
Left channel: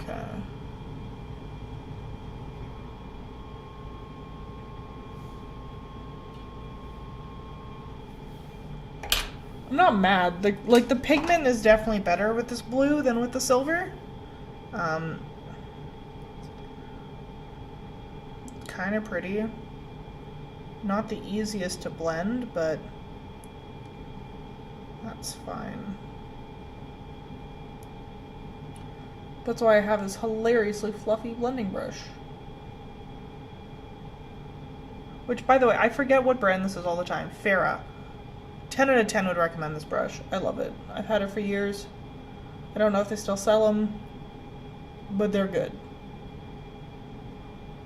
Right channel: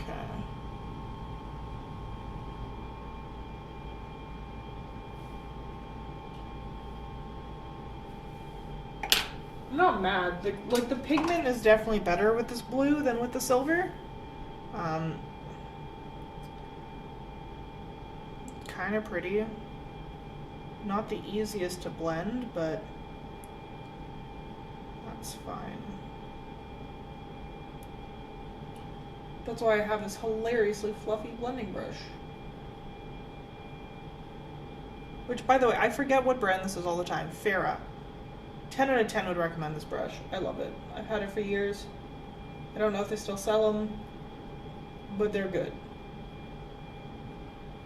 Okay. I'm not mad. Like the pigment is definitely better with this blue than with the silver. Kind of pretty. Not the easiest to blend, but that's fine. That's why I have this hilariously fluffy blending brush. Which, by the way, I forget what brand this is all the time. Farah. 10 out of 10 would recommend this brush. I love it. I've had it for years. I don't know if they still sell them, but they're good.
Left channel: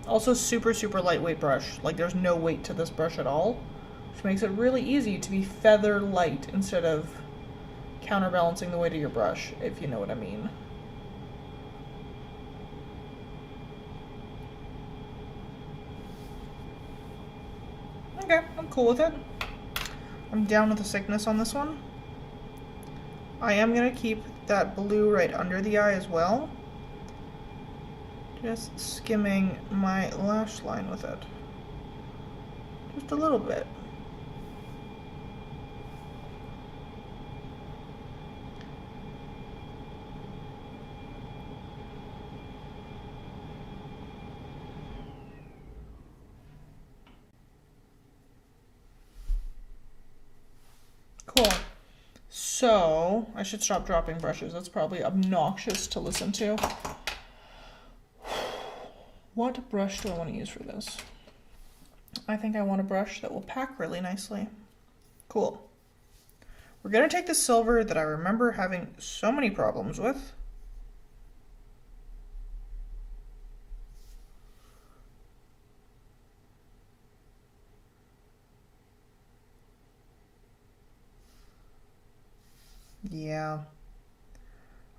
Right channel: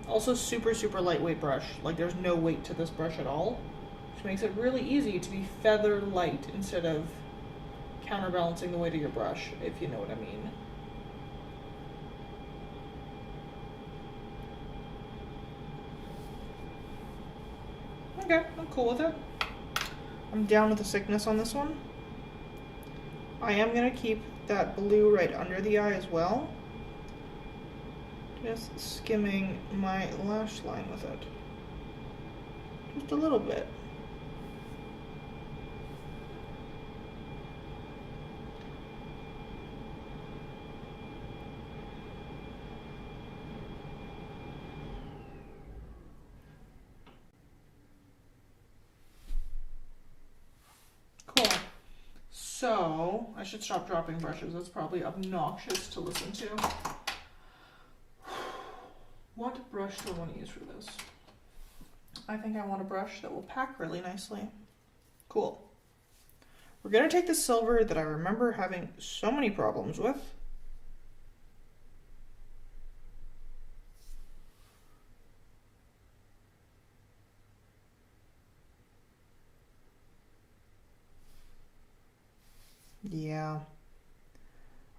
Also super, super lightweight brush. Like there's no weight to this brush at all, which makes it really easy to be feather light instead of counterbalancing the weight of your brush, if you know what I mean. Okay, I'm cool with it. I'm down with the thickness on this one. I am going to keep that blue right under the eye as well. Just skimming my lash line with it. Just a little bit. Cool. So, I should stop dropping brushes. That's probably obnoxious to listen to. What brush do I want to use for this? I think I want a brush that will pack really nicely. Cool. We're going to take the silver that I remember having so many problems with. Yeah.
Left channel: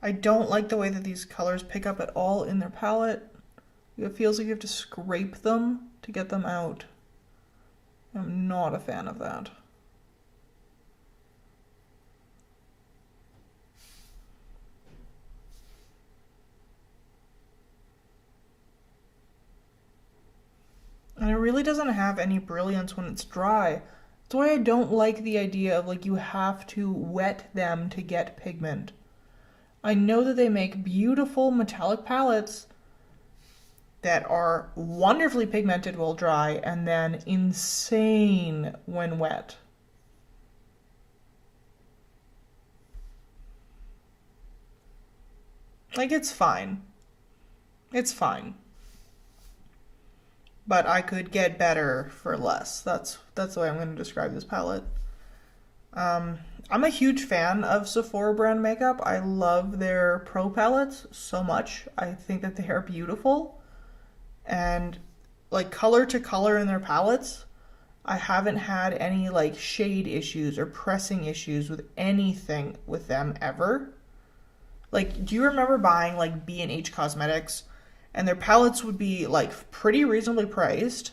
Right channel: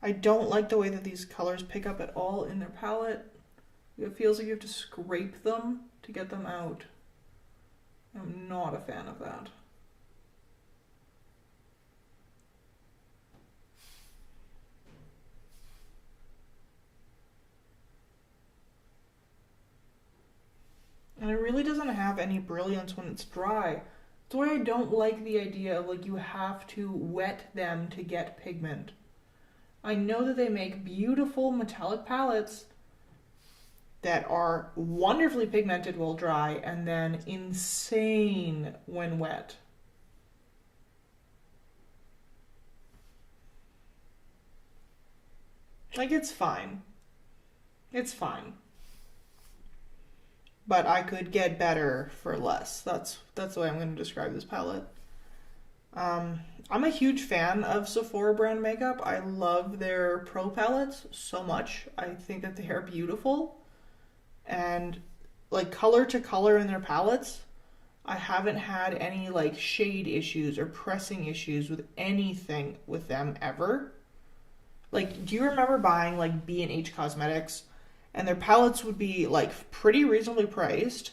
I don't like the way that these colors pick up at all in their palette. It feels like you have to scrape them to get them out. I'm not a fan of that. And it really doesn't have any brilliance when it's dry. That's why I don't like the idea of like you have to wet them to get pigment. I know that they make beautiful metallic palettes that are wonderfully pigmented while dry and then insane when wet. Like it's fine. It's fine. But I could get better for less. That's the way I'm going to describe this palette. I'm a huge fan of Sephora brand makeup. I love their pro palettes so much. I think that they are beautiful. And like color to color in their palettes, I haven't had any like shade issues or pressing issues with anything with them ever. Like, do you remember buying like B&H Cosmetics? And their palettes would be like pretty reasonably priced.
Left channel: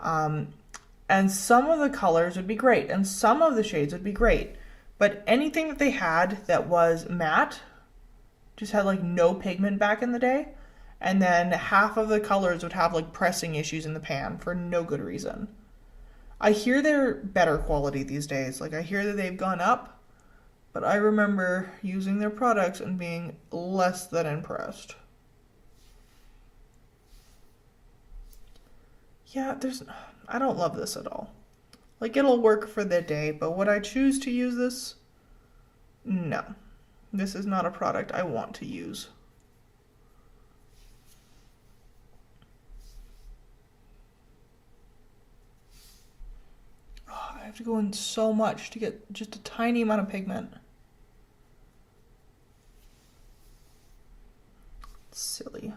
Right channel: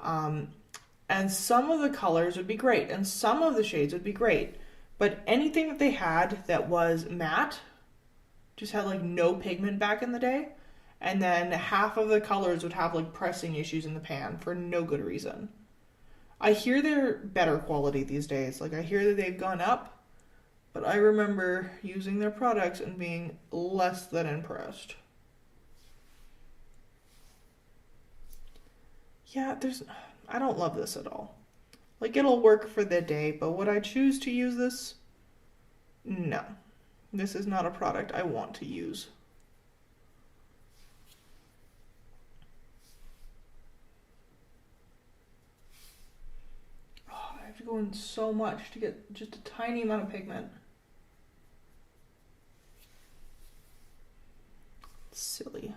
And some of the colors would be great and some of the shades would be great. But anything that they had that was matte just had like no pigment back in the day. And then half of the colors would have like pressing issues in the pan for no good reason. I hear they're better quality these days. Like I hear that they've gone up, but I remember using their products and being less than impressed. Yeah, I don't love this at all. Like it'll work for the day, but would I choose to use this? No. This is not a product I want to use. Oh, I have to go in so much to get just a tiny amount of pigment. Silly.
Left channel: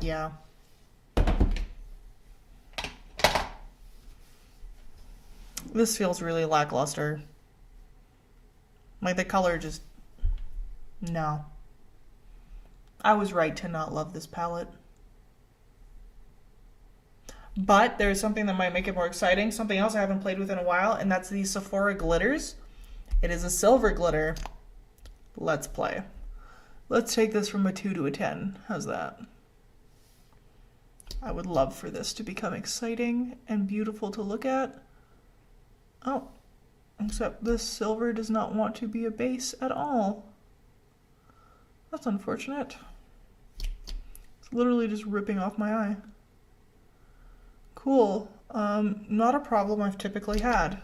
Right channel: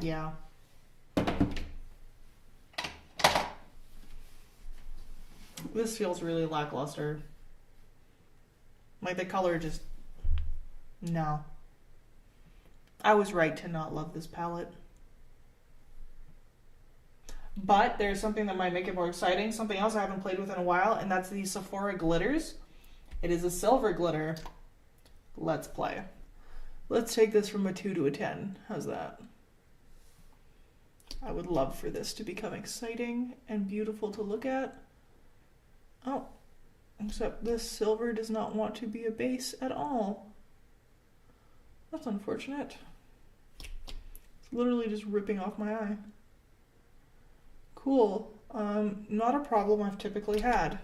Yeah. This feels really lackluster. Like the color just... No. I was right to not love this palette. But there's something that might make it more exciting. Something else I haven't played with in a while, and that's the Sephora glitters. It is a silver glitter. Let's play. Let's take this from a 2 to a 10. How's that? I would love for this to become exciting and beautiful to look at. Oh, except this silver does not want to be a base at all. That's unfortunate. It's literally just ripping off my eye. Cool. Not a problem I've typically had.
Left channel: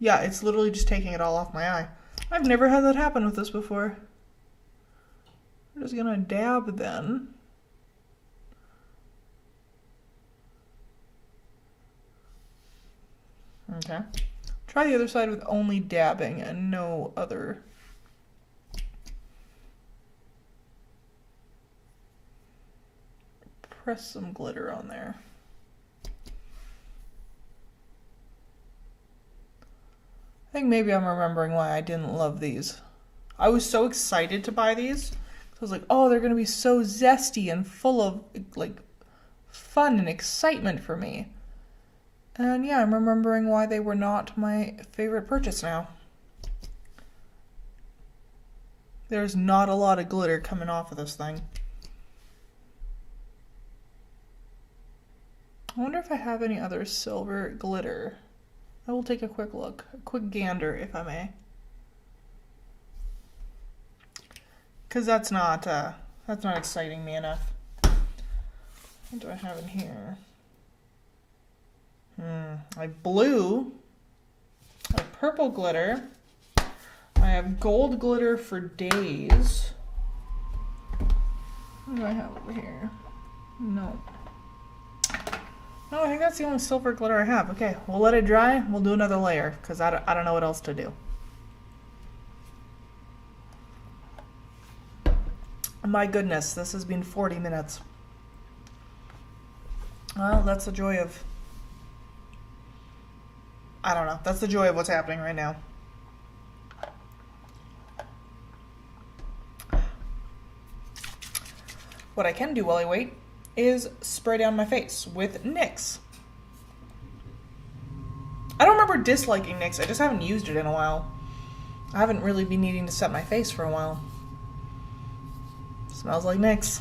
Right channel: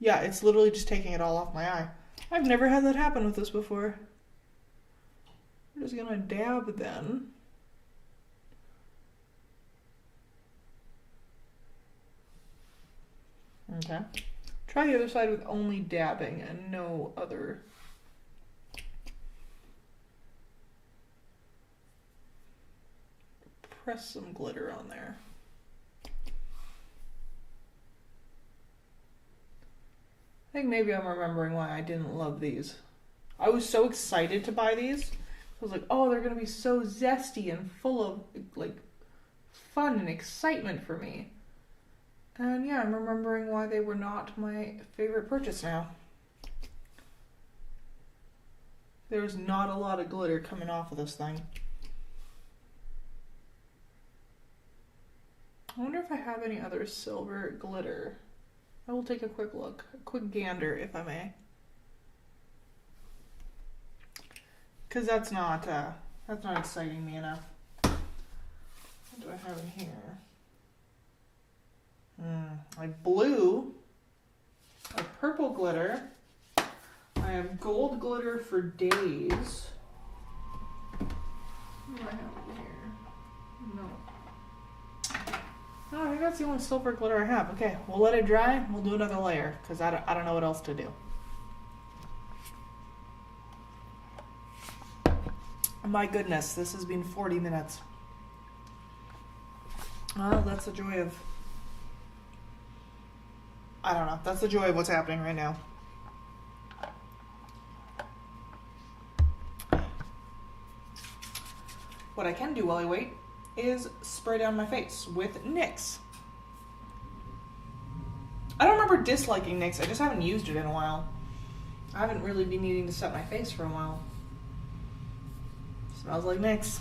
Yeah, it's literally just taking it all off my eye. I've never had that happen with this before. It just gonna dab then. Okay. Try the other side with only dabbing and no other. Press some glitter on there. I think maybe I'm remembering why I didn't love these. I was so excited to buy these. I was like, oh, they're going to be so zesty and full of like fun and excitement for me. And yeah, I'm remembering why they were not my favorite purchase now. There's not a lot of glitter coming off of this thing. I wonder if I have any other silver glitter. I will take a quick look, a quick gander, if I may. Because that's not exciting me enough. What do I have in here? I have blue, I have purple glitter, I have gold glitter for days. What do I have over here? No. No, I think that's the only silver glitter I have. Okay, we'll let it dry. We'll do another layer because I don't know what else to do. My goodness, this has been 40 minutes. Well, that's the joy of... I don't know. That's the joy of what's happening right now. What I can do while I wait is spray down my face with NYX. I don't remember disliking NYX. I just haven't used it in a while. I haven't really been needing to set my face for a while. Smells like NYX.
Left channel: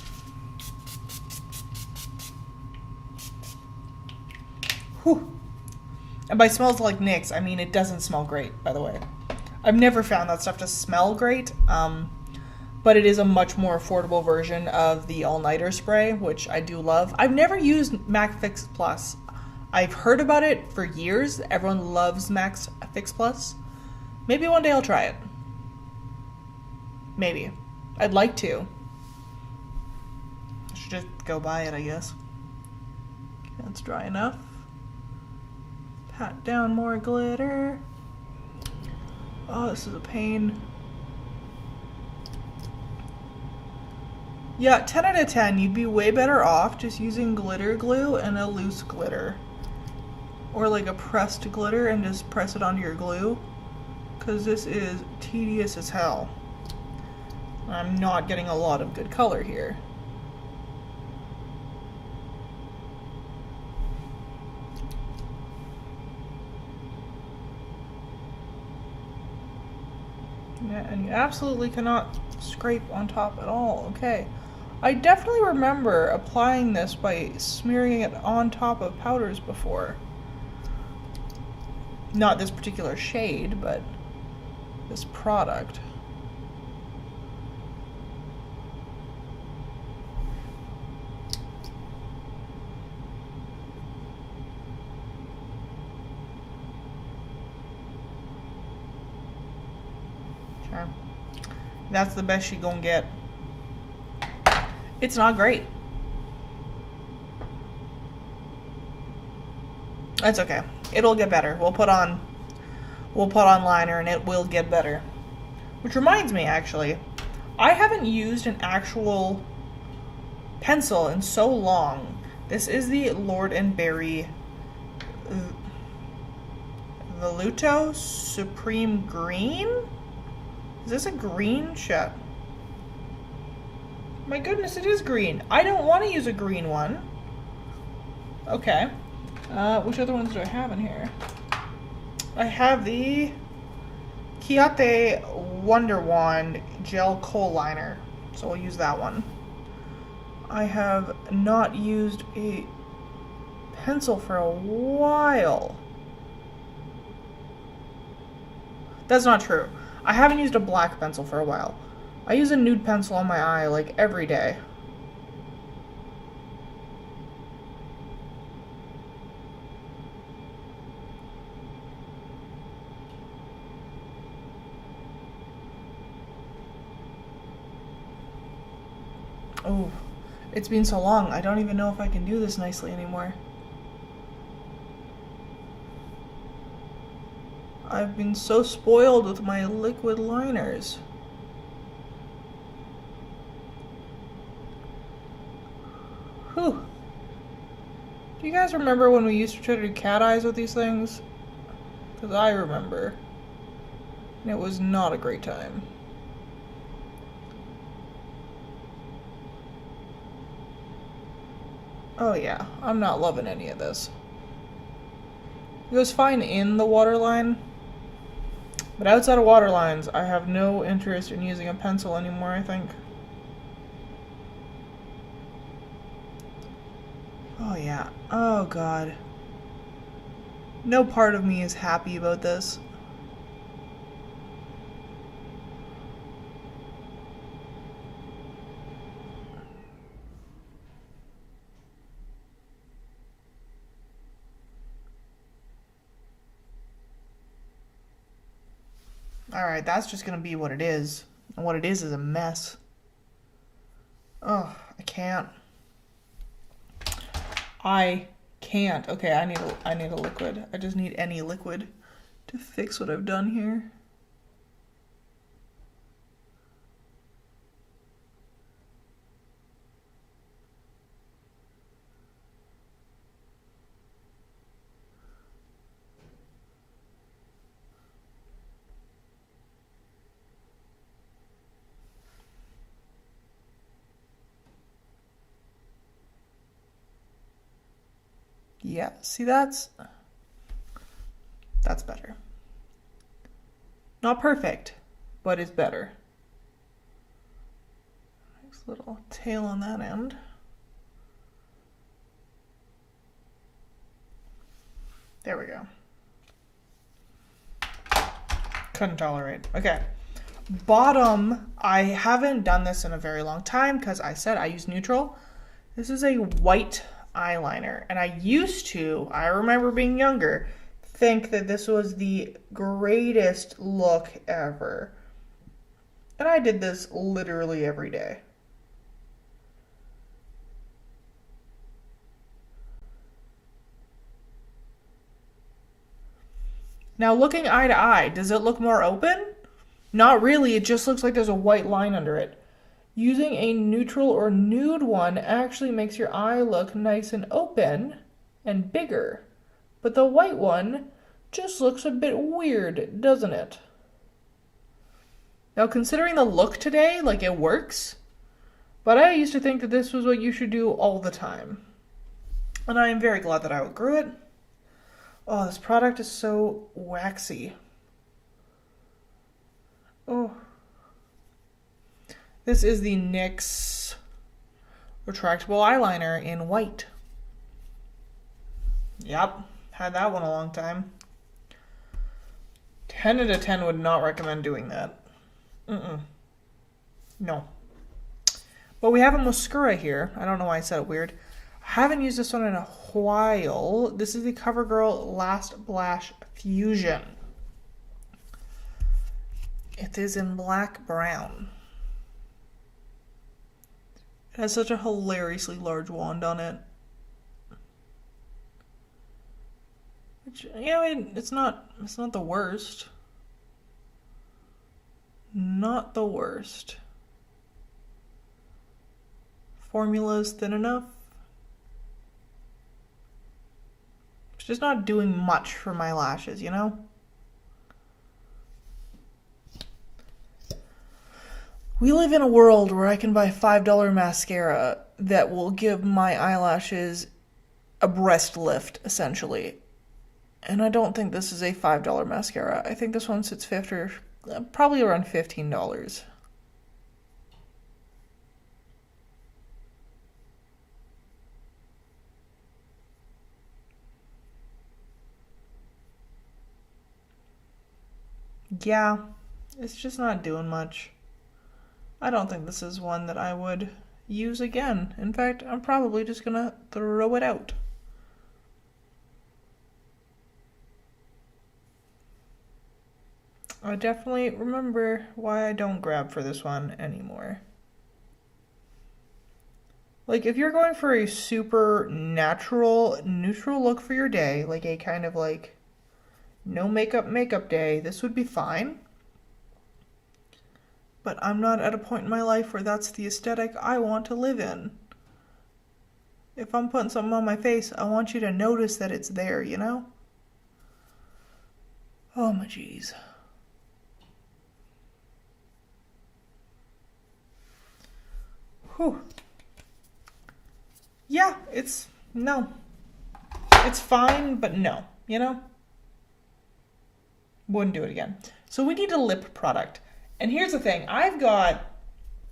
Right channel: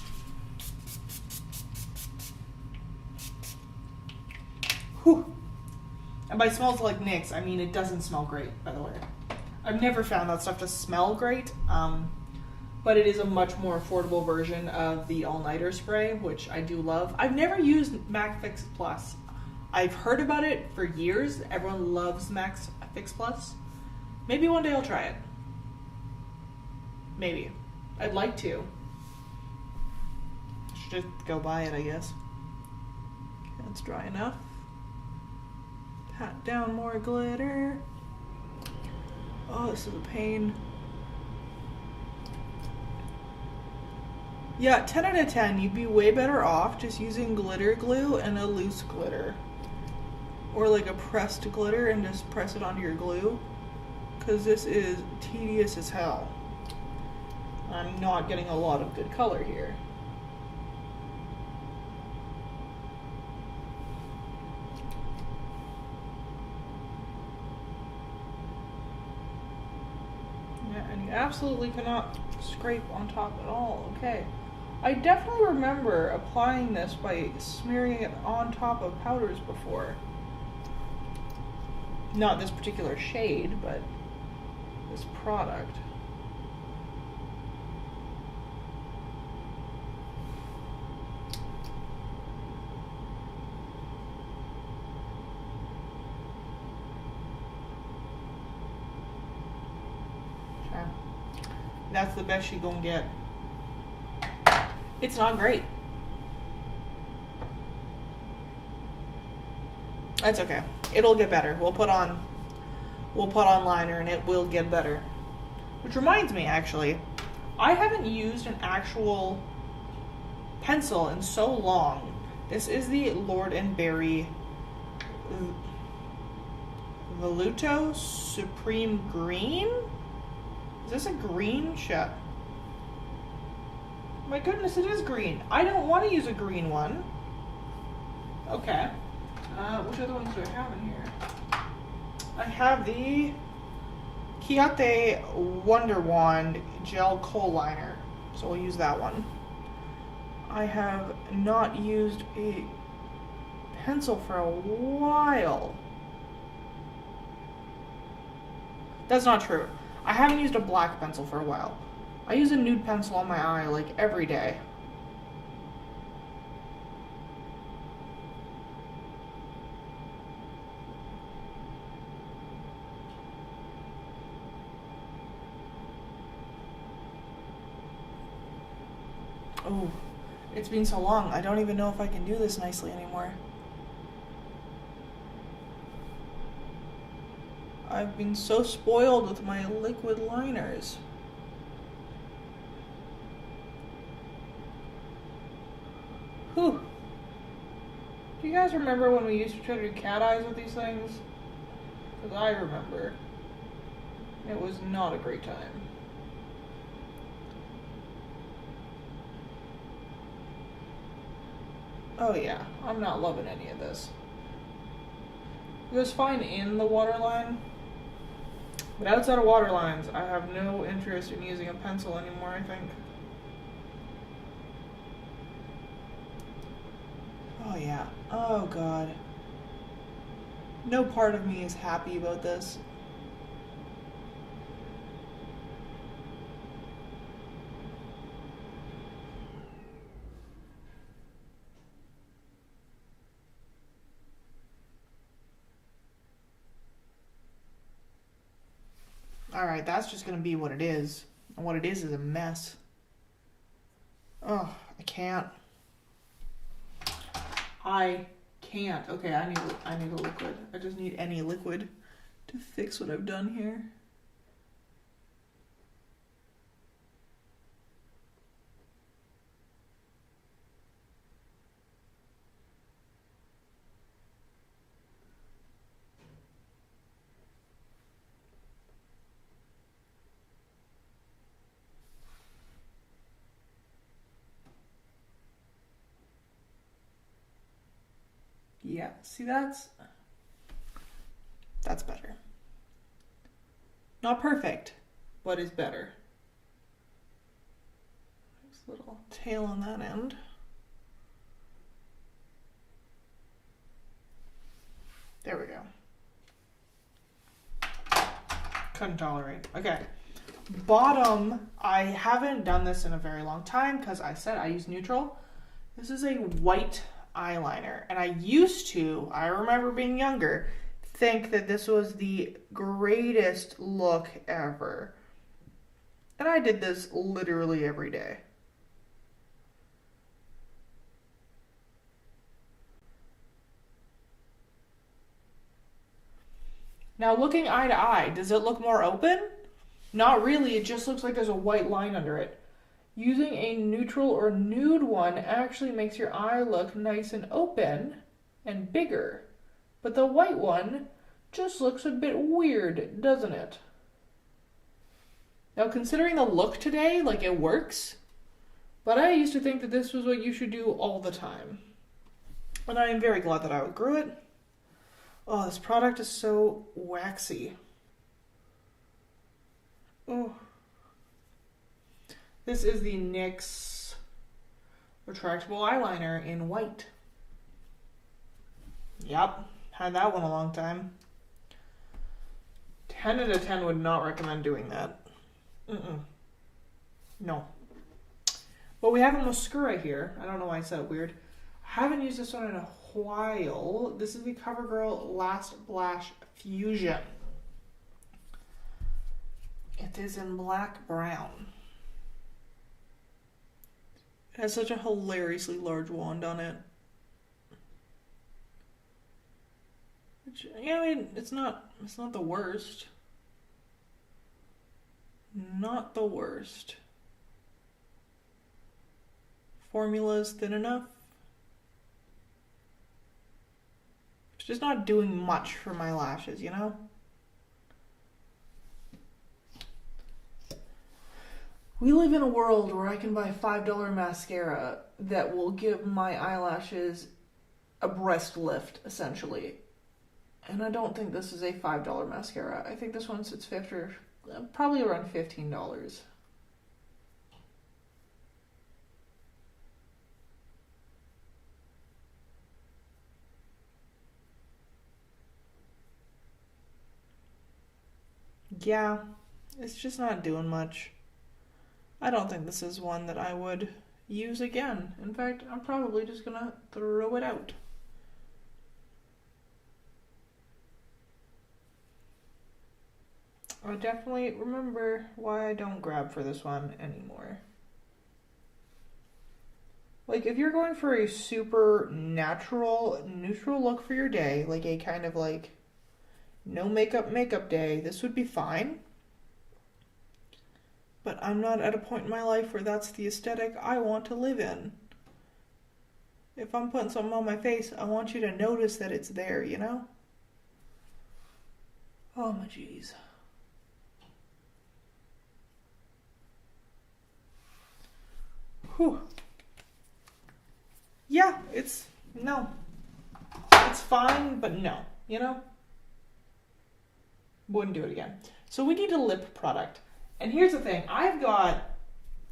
Whew. And by smells like NYX, I mean it doesn't smell great, by the way. I've never found that stuff to smell great, but it is a much more affordable version of the all-nighter spray, which I do love. I've never used MAC Fix Plus. I've heard about it for years. Everyone loves MAC Fix Plus. Maybe one day I'll try it. Maybe. I'd like to. I should just go buy it, I guess. Okay, that's dry enough. Pat down more glitter. Oh, this is a pain. Yeah, 10 out of 10. You'd be way better off just using glitter glue and a loose glitter. Or like a pressed glitter and just press it onto your glue. Because this is tedious as hell. I'm not getting a lot of good color here. Yeah, and you absolutely cannot scrape on top at all. Okay. I definitely remember applying this by smearing it on top of powders before. Not this particular shade, but this product. Okay. That's the best she gonna get. It's not great. That's okay. It'll get better. We'll put on liner and it will get better. Which reminds me, actually, I haven't used an actual pencil in so long. This is the Lord & Berry Voluto Supreme Green? Is this a green shot? My goodness, it is green. I don't want to use a green one. Okay. Which other ones do I have in here? I have the Grwt Wonder Wand Gel Kohl Liner. So we'll use that one. I have not used a pencil for a while. That's not true. I haven't used a black pencil for a while. I use a nude pencil on my eye like every day. Oh, it's been so long. I don't even know if I can do this nicely anymore. I've been so spoiled with my liquid liners. Whew. Do you guys remember when we used to try to do cat eyes with these things? Because I remember. And it was not a great time. Oh yeah, I'm not loving any of this. It was fine in the waterline, but outside of water lines, I have no interest in using a pencil anymore, I think. Oh yeah, oh god. No part of me is happy about this. Alright, that's just gonna be what it is. And what it is a mess. Oh, I can't. I can't. Okay, I need a liquid. I just need any liquid to fix what I've done here. Yeah, see that's better. Not perfect, but it's better. Nice little tail on that end. There we go. Couldn't tolerate. Okay. Bottom, I haven't done this in a very long time because I said I use neutral. This is a white eyeliner, and I remember being younger, think that this was the greatest look ever. And I did this literally every day. Now looking eye to eye, does it look more open? Not really, it just looks like there's a white line under it. Using a neutral or nude one actually makes your eye look nice and open and bigger. But the white one just looks a bit weird, doesn't it? Now considering the look today, like it works, but I used to think that this was what you should do all the time. And I am very glad that I outgrew it. Oh, this product is so waxy. Oh. This is the NYX retractable eyeliner in white. Yep, had that one a long time. 10 out of 10 would not recommend doing that. No. But we have a mascara here. I don't know why I said it weird. I haven't used this one in a while. This is the CoverGirl Last Blush Fusion. It is in black brown. It has such a hilariously large wand on it. Which, yeah, I mean, it's not the worst. Not the worst. Formula is thin enough. It's just not doing much for my lashes, you know? We live in a world where I can buy $5 mascara that will give my eyelashes a breast lift, essentially. And I don't think this is a $5 mascara. I think this one sits probably around $15. Yeah, it's just not doing much. I don't think this is one that I would use again. In fact, I'm probably just gonna throw it out. I definitely remember why I don't grab for this one anymore. Like if you're going for a super natural, neutral look for your day, like a kind of like no makeup day, this would be fine. But I'm not at a point in my life where that's the aesthetic I want to live in. If I'm putting something on my face, I want you to notice that it's there, you know? Oh my jeez. Whew. Yeah, no. It's fine, but no, you know? Wouldn't do it again. So we need a lip product. And here's the thing. I've got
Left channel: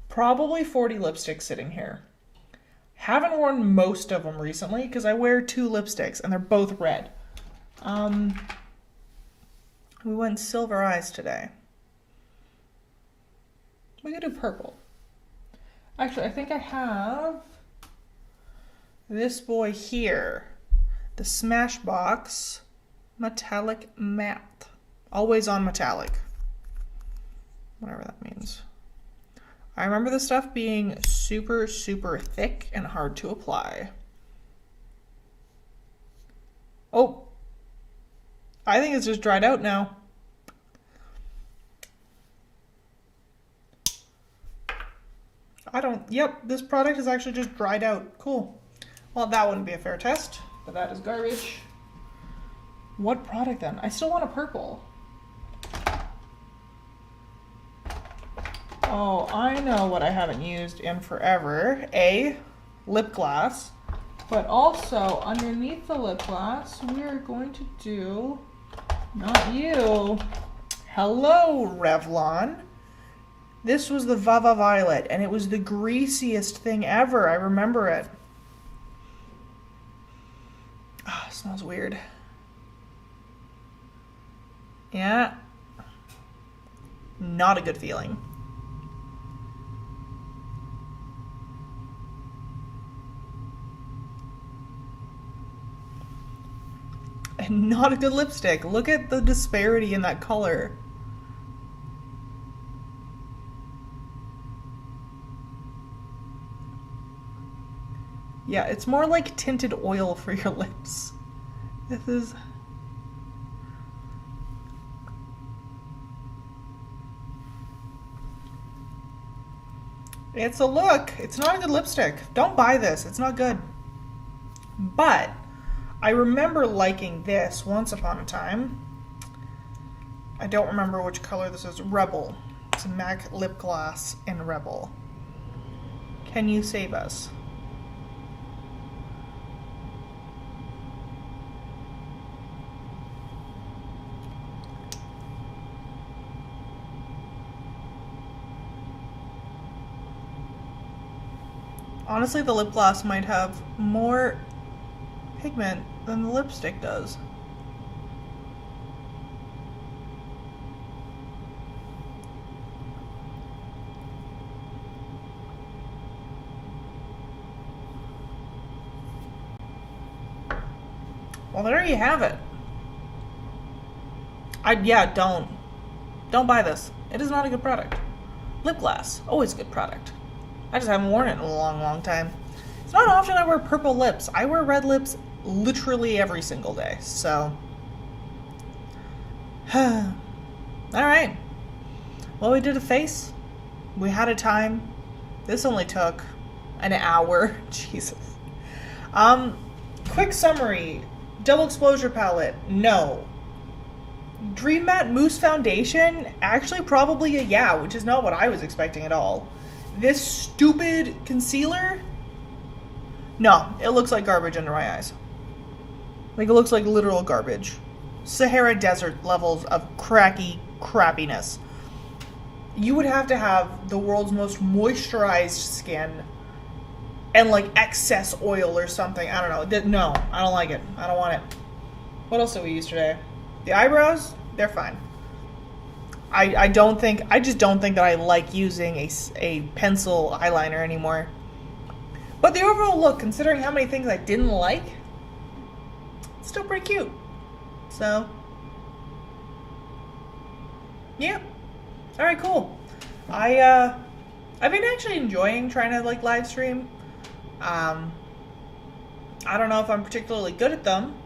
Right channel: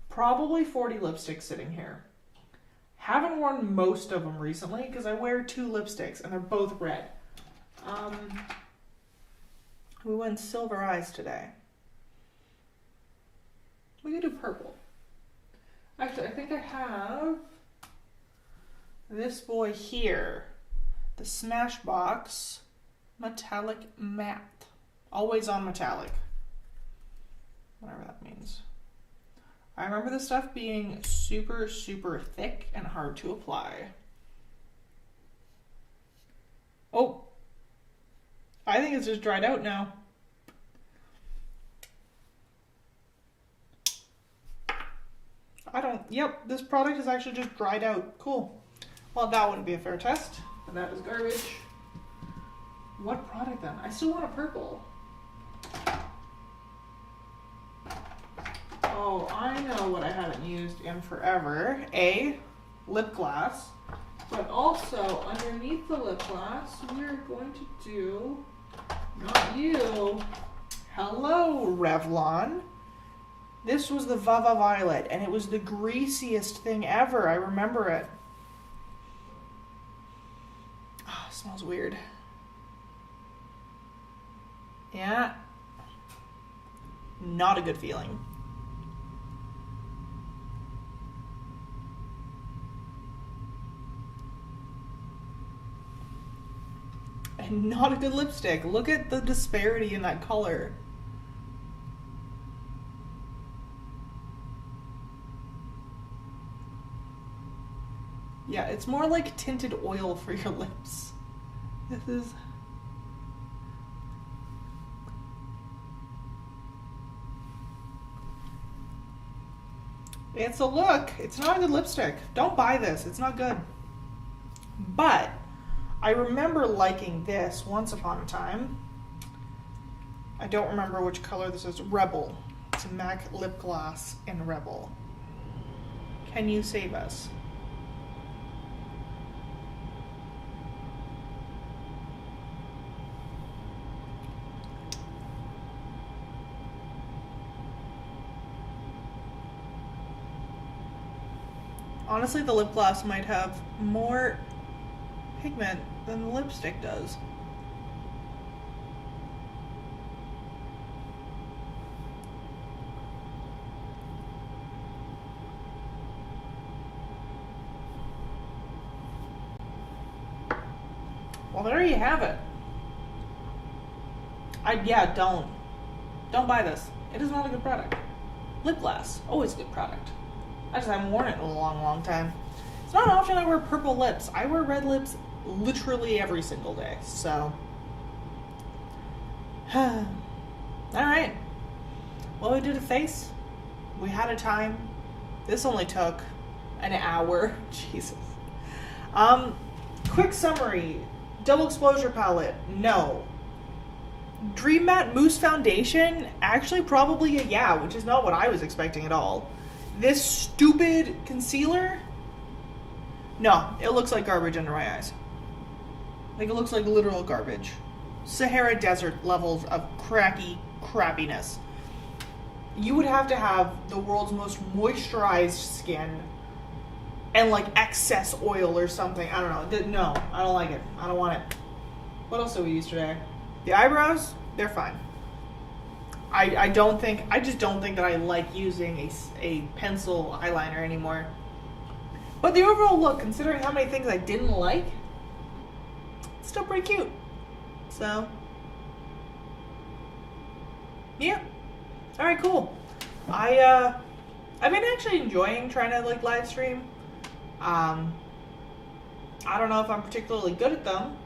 probably 40 lipsticks sitting here. Haven't worn most of them recently because I wear 2 lipsticks and they're both red. We went silver eyes today. We could do purple. Actually, I think I have this boy here. The Smashbox Metallic Matte. Always on metallic. Whatever that means. I remember the stuff being super, super thick and hard to apply. Oh, I think it's just dried out now. Yep, this product is actually just dried out. Cool. Well, that wouldn't be a fair test, but that is garbage. What product then? I still want a purple. Oh, I know what I haven't used in forever. A, lip gloss. But also, underneath the lip gloss, we are going to do, not you, hello Revlon. This was the Vava Violet, and it was the greasiest thing ever. I remember it. Oh, it smells weird. Yeah. Not a good feeling. And not a good lipstick. Look at the disparity in that color. Yeah, it's more like tinted oil for your lips. This is... It's a look. It's not a good lipstick. Don't buy this. It's not good. But I remember liking this once upon a time. I don't remember which color this is. Rebel. It's a MAC lip gloss in Rebel. Can you save us? Honestly, the lip gloss might have more pigment than the lipstick does. Well, there you have it. Don't buy this. It is not a good product. Lip gloss, always a good product. I just haven't worn it in a long, long time. It's not often I wear purple lips. I wear red lips literally every single day, so. Alright. Well, we did a face. We had a time. This only took an hour. Jesus. Quick summary. Double exposure palette, no. Dream Matte Mousse Foundation, actually probably a yeah, which is not what I was expecting at all. This stupid concealer, no, it looks like garbage under my eyes. Like, it looks like literal garbage. Sahara Desert levels of crappiness. You would have to have the world's most moisturized skin and, like, excess oil or something. I don't know. No, I don't like it. I don't want it. What else did we use today? The eyebrows, they're fine. I just don't think that I like using a pencil eyeliner anymore. But the overall look, considering how many things I didn't like, it's still pretty cute. So, yeah. Alright, cool. I've been actually enjoying trying to, like, live stream. I don't know if I'm particularly good at them,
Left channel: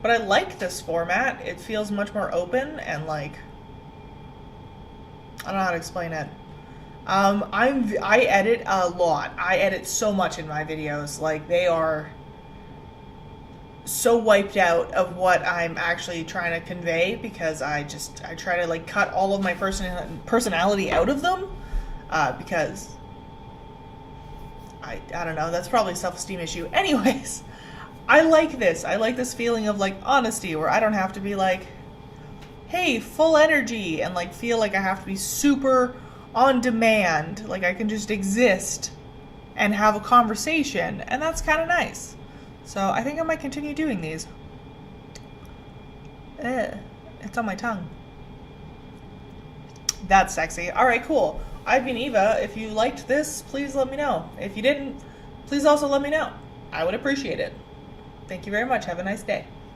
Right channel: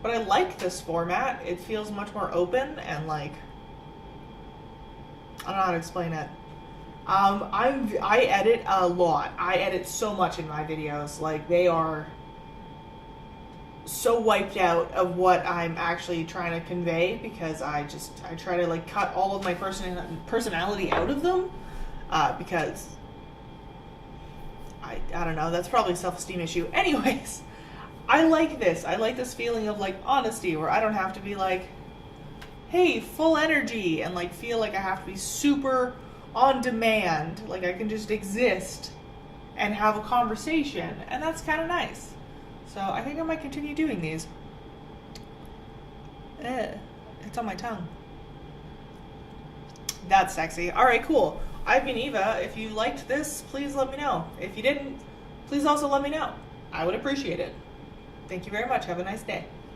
but I like this format. It feels much more open and like, I don't know how to explain it. I edit a lot. I edit so much in my videos. Like, they are so wiped out of what I'm actually trying to convey because I try to like cut all of my personality out of them because I don't know, that's probably a self-esteem issue. Anyways, I like this. I like this feeling of like honesty where I don't have to be like, hey, full energy and like feel like I have to be super on demand. Like I can just exist and have a conversation, and that's kind of nice. So I think I might continue doing these. It's on my tongue. That's sexy. Alright, cool. I've been Eva. If you liked this, please let me know. If you didn't, please also let me know. I would appreciate it. Thank you very much. Have a nice day.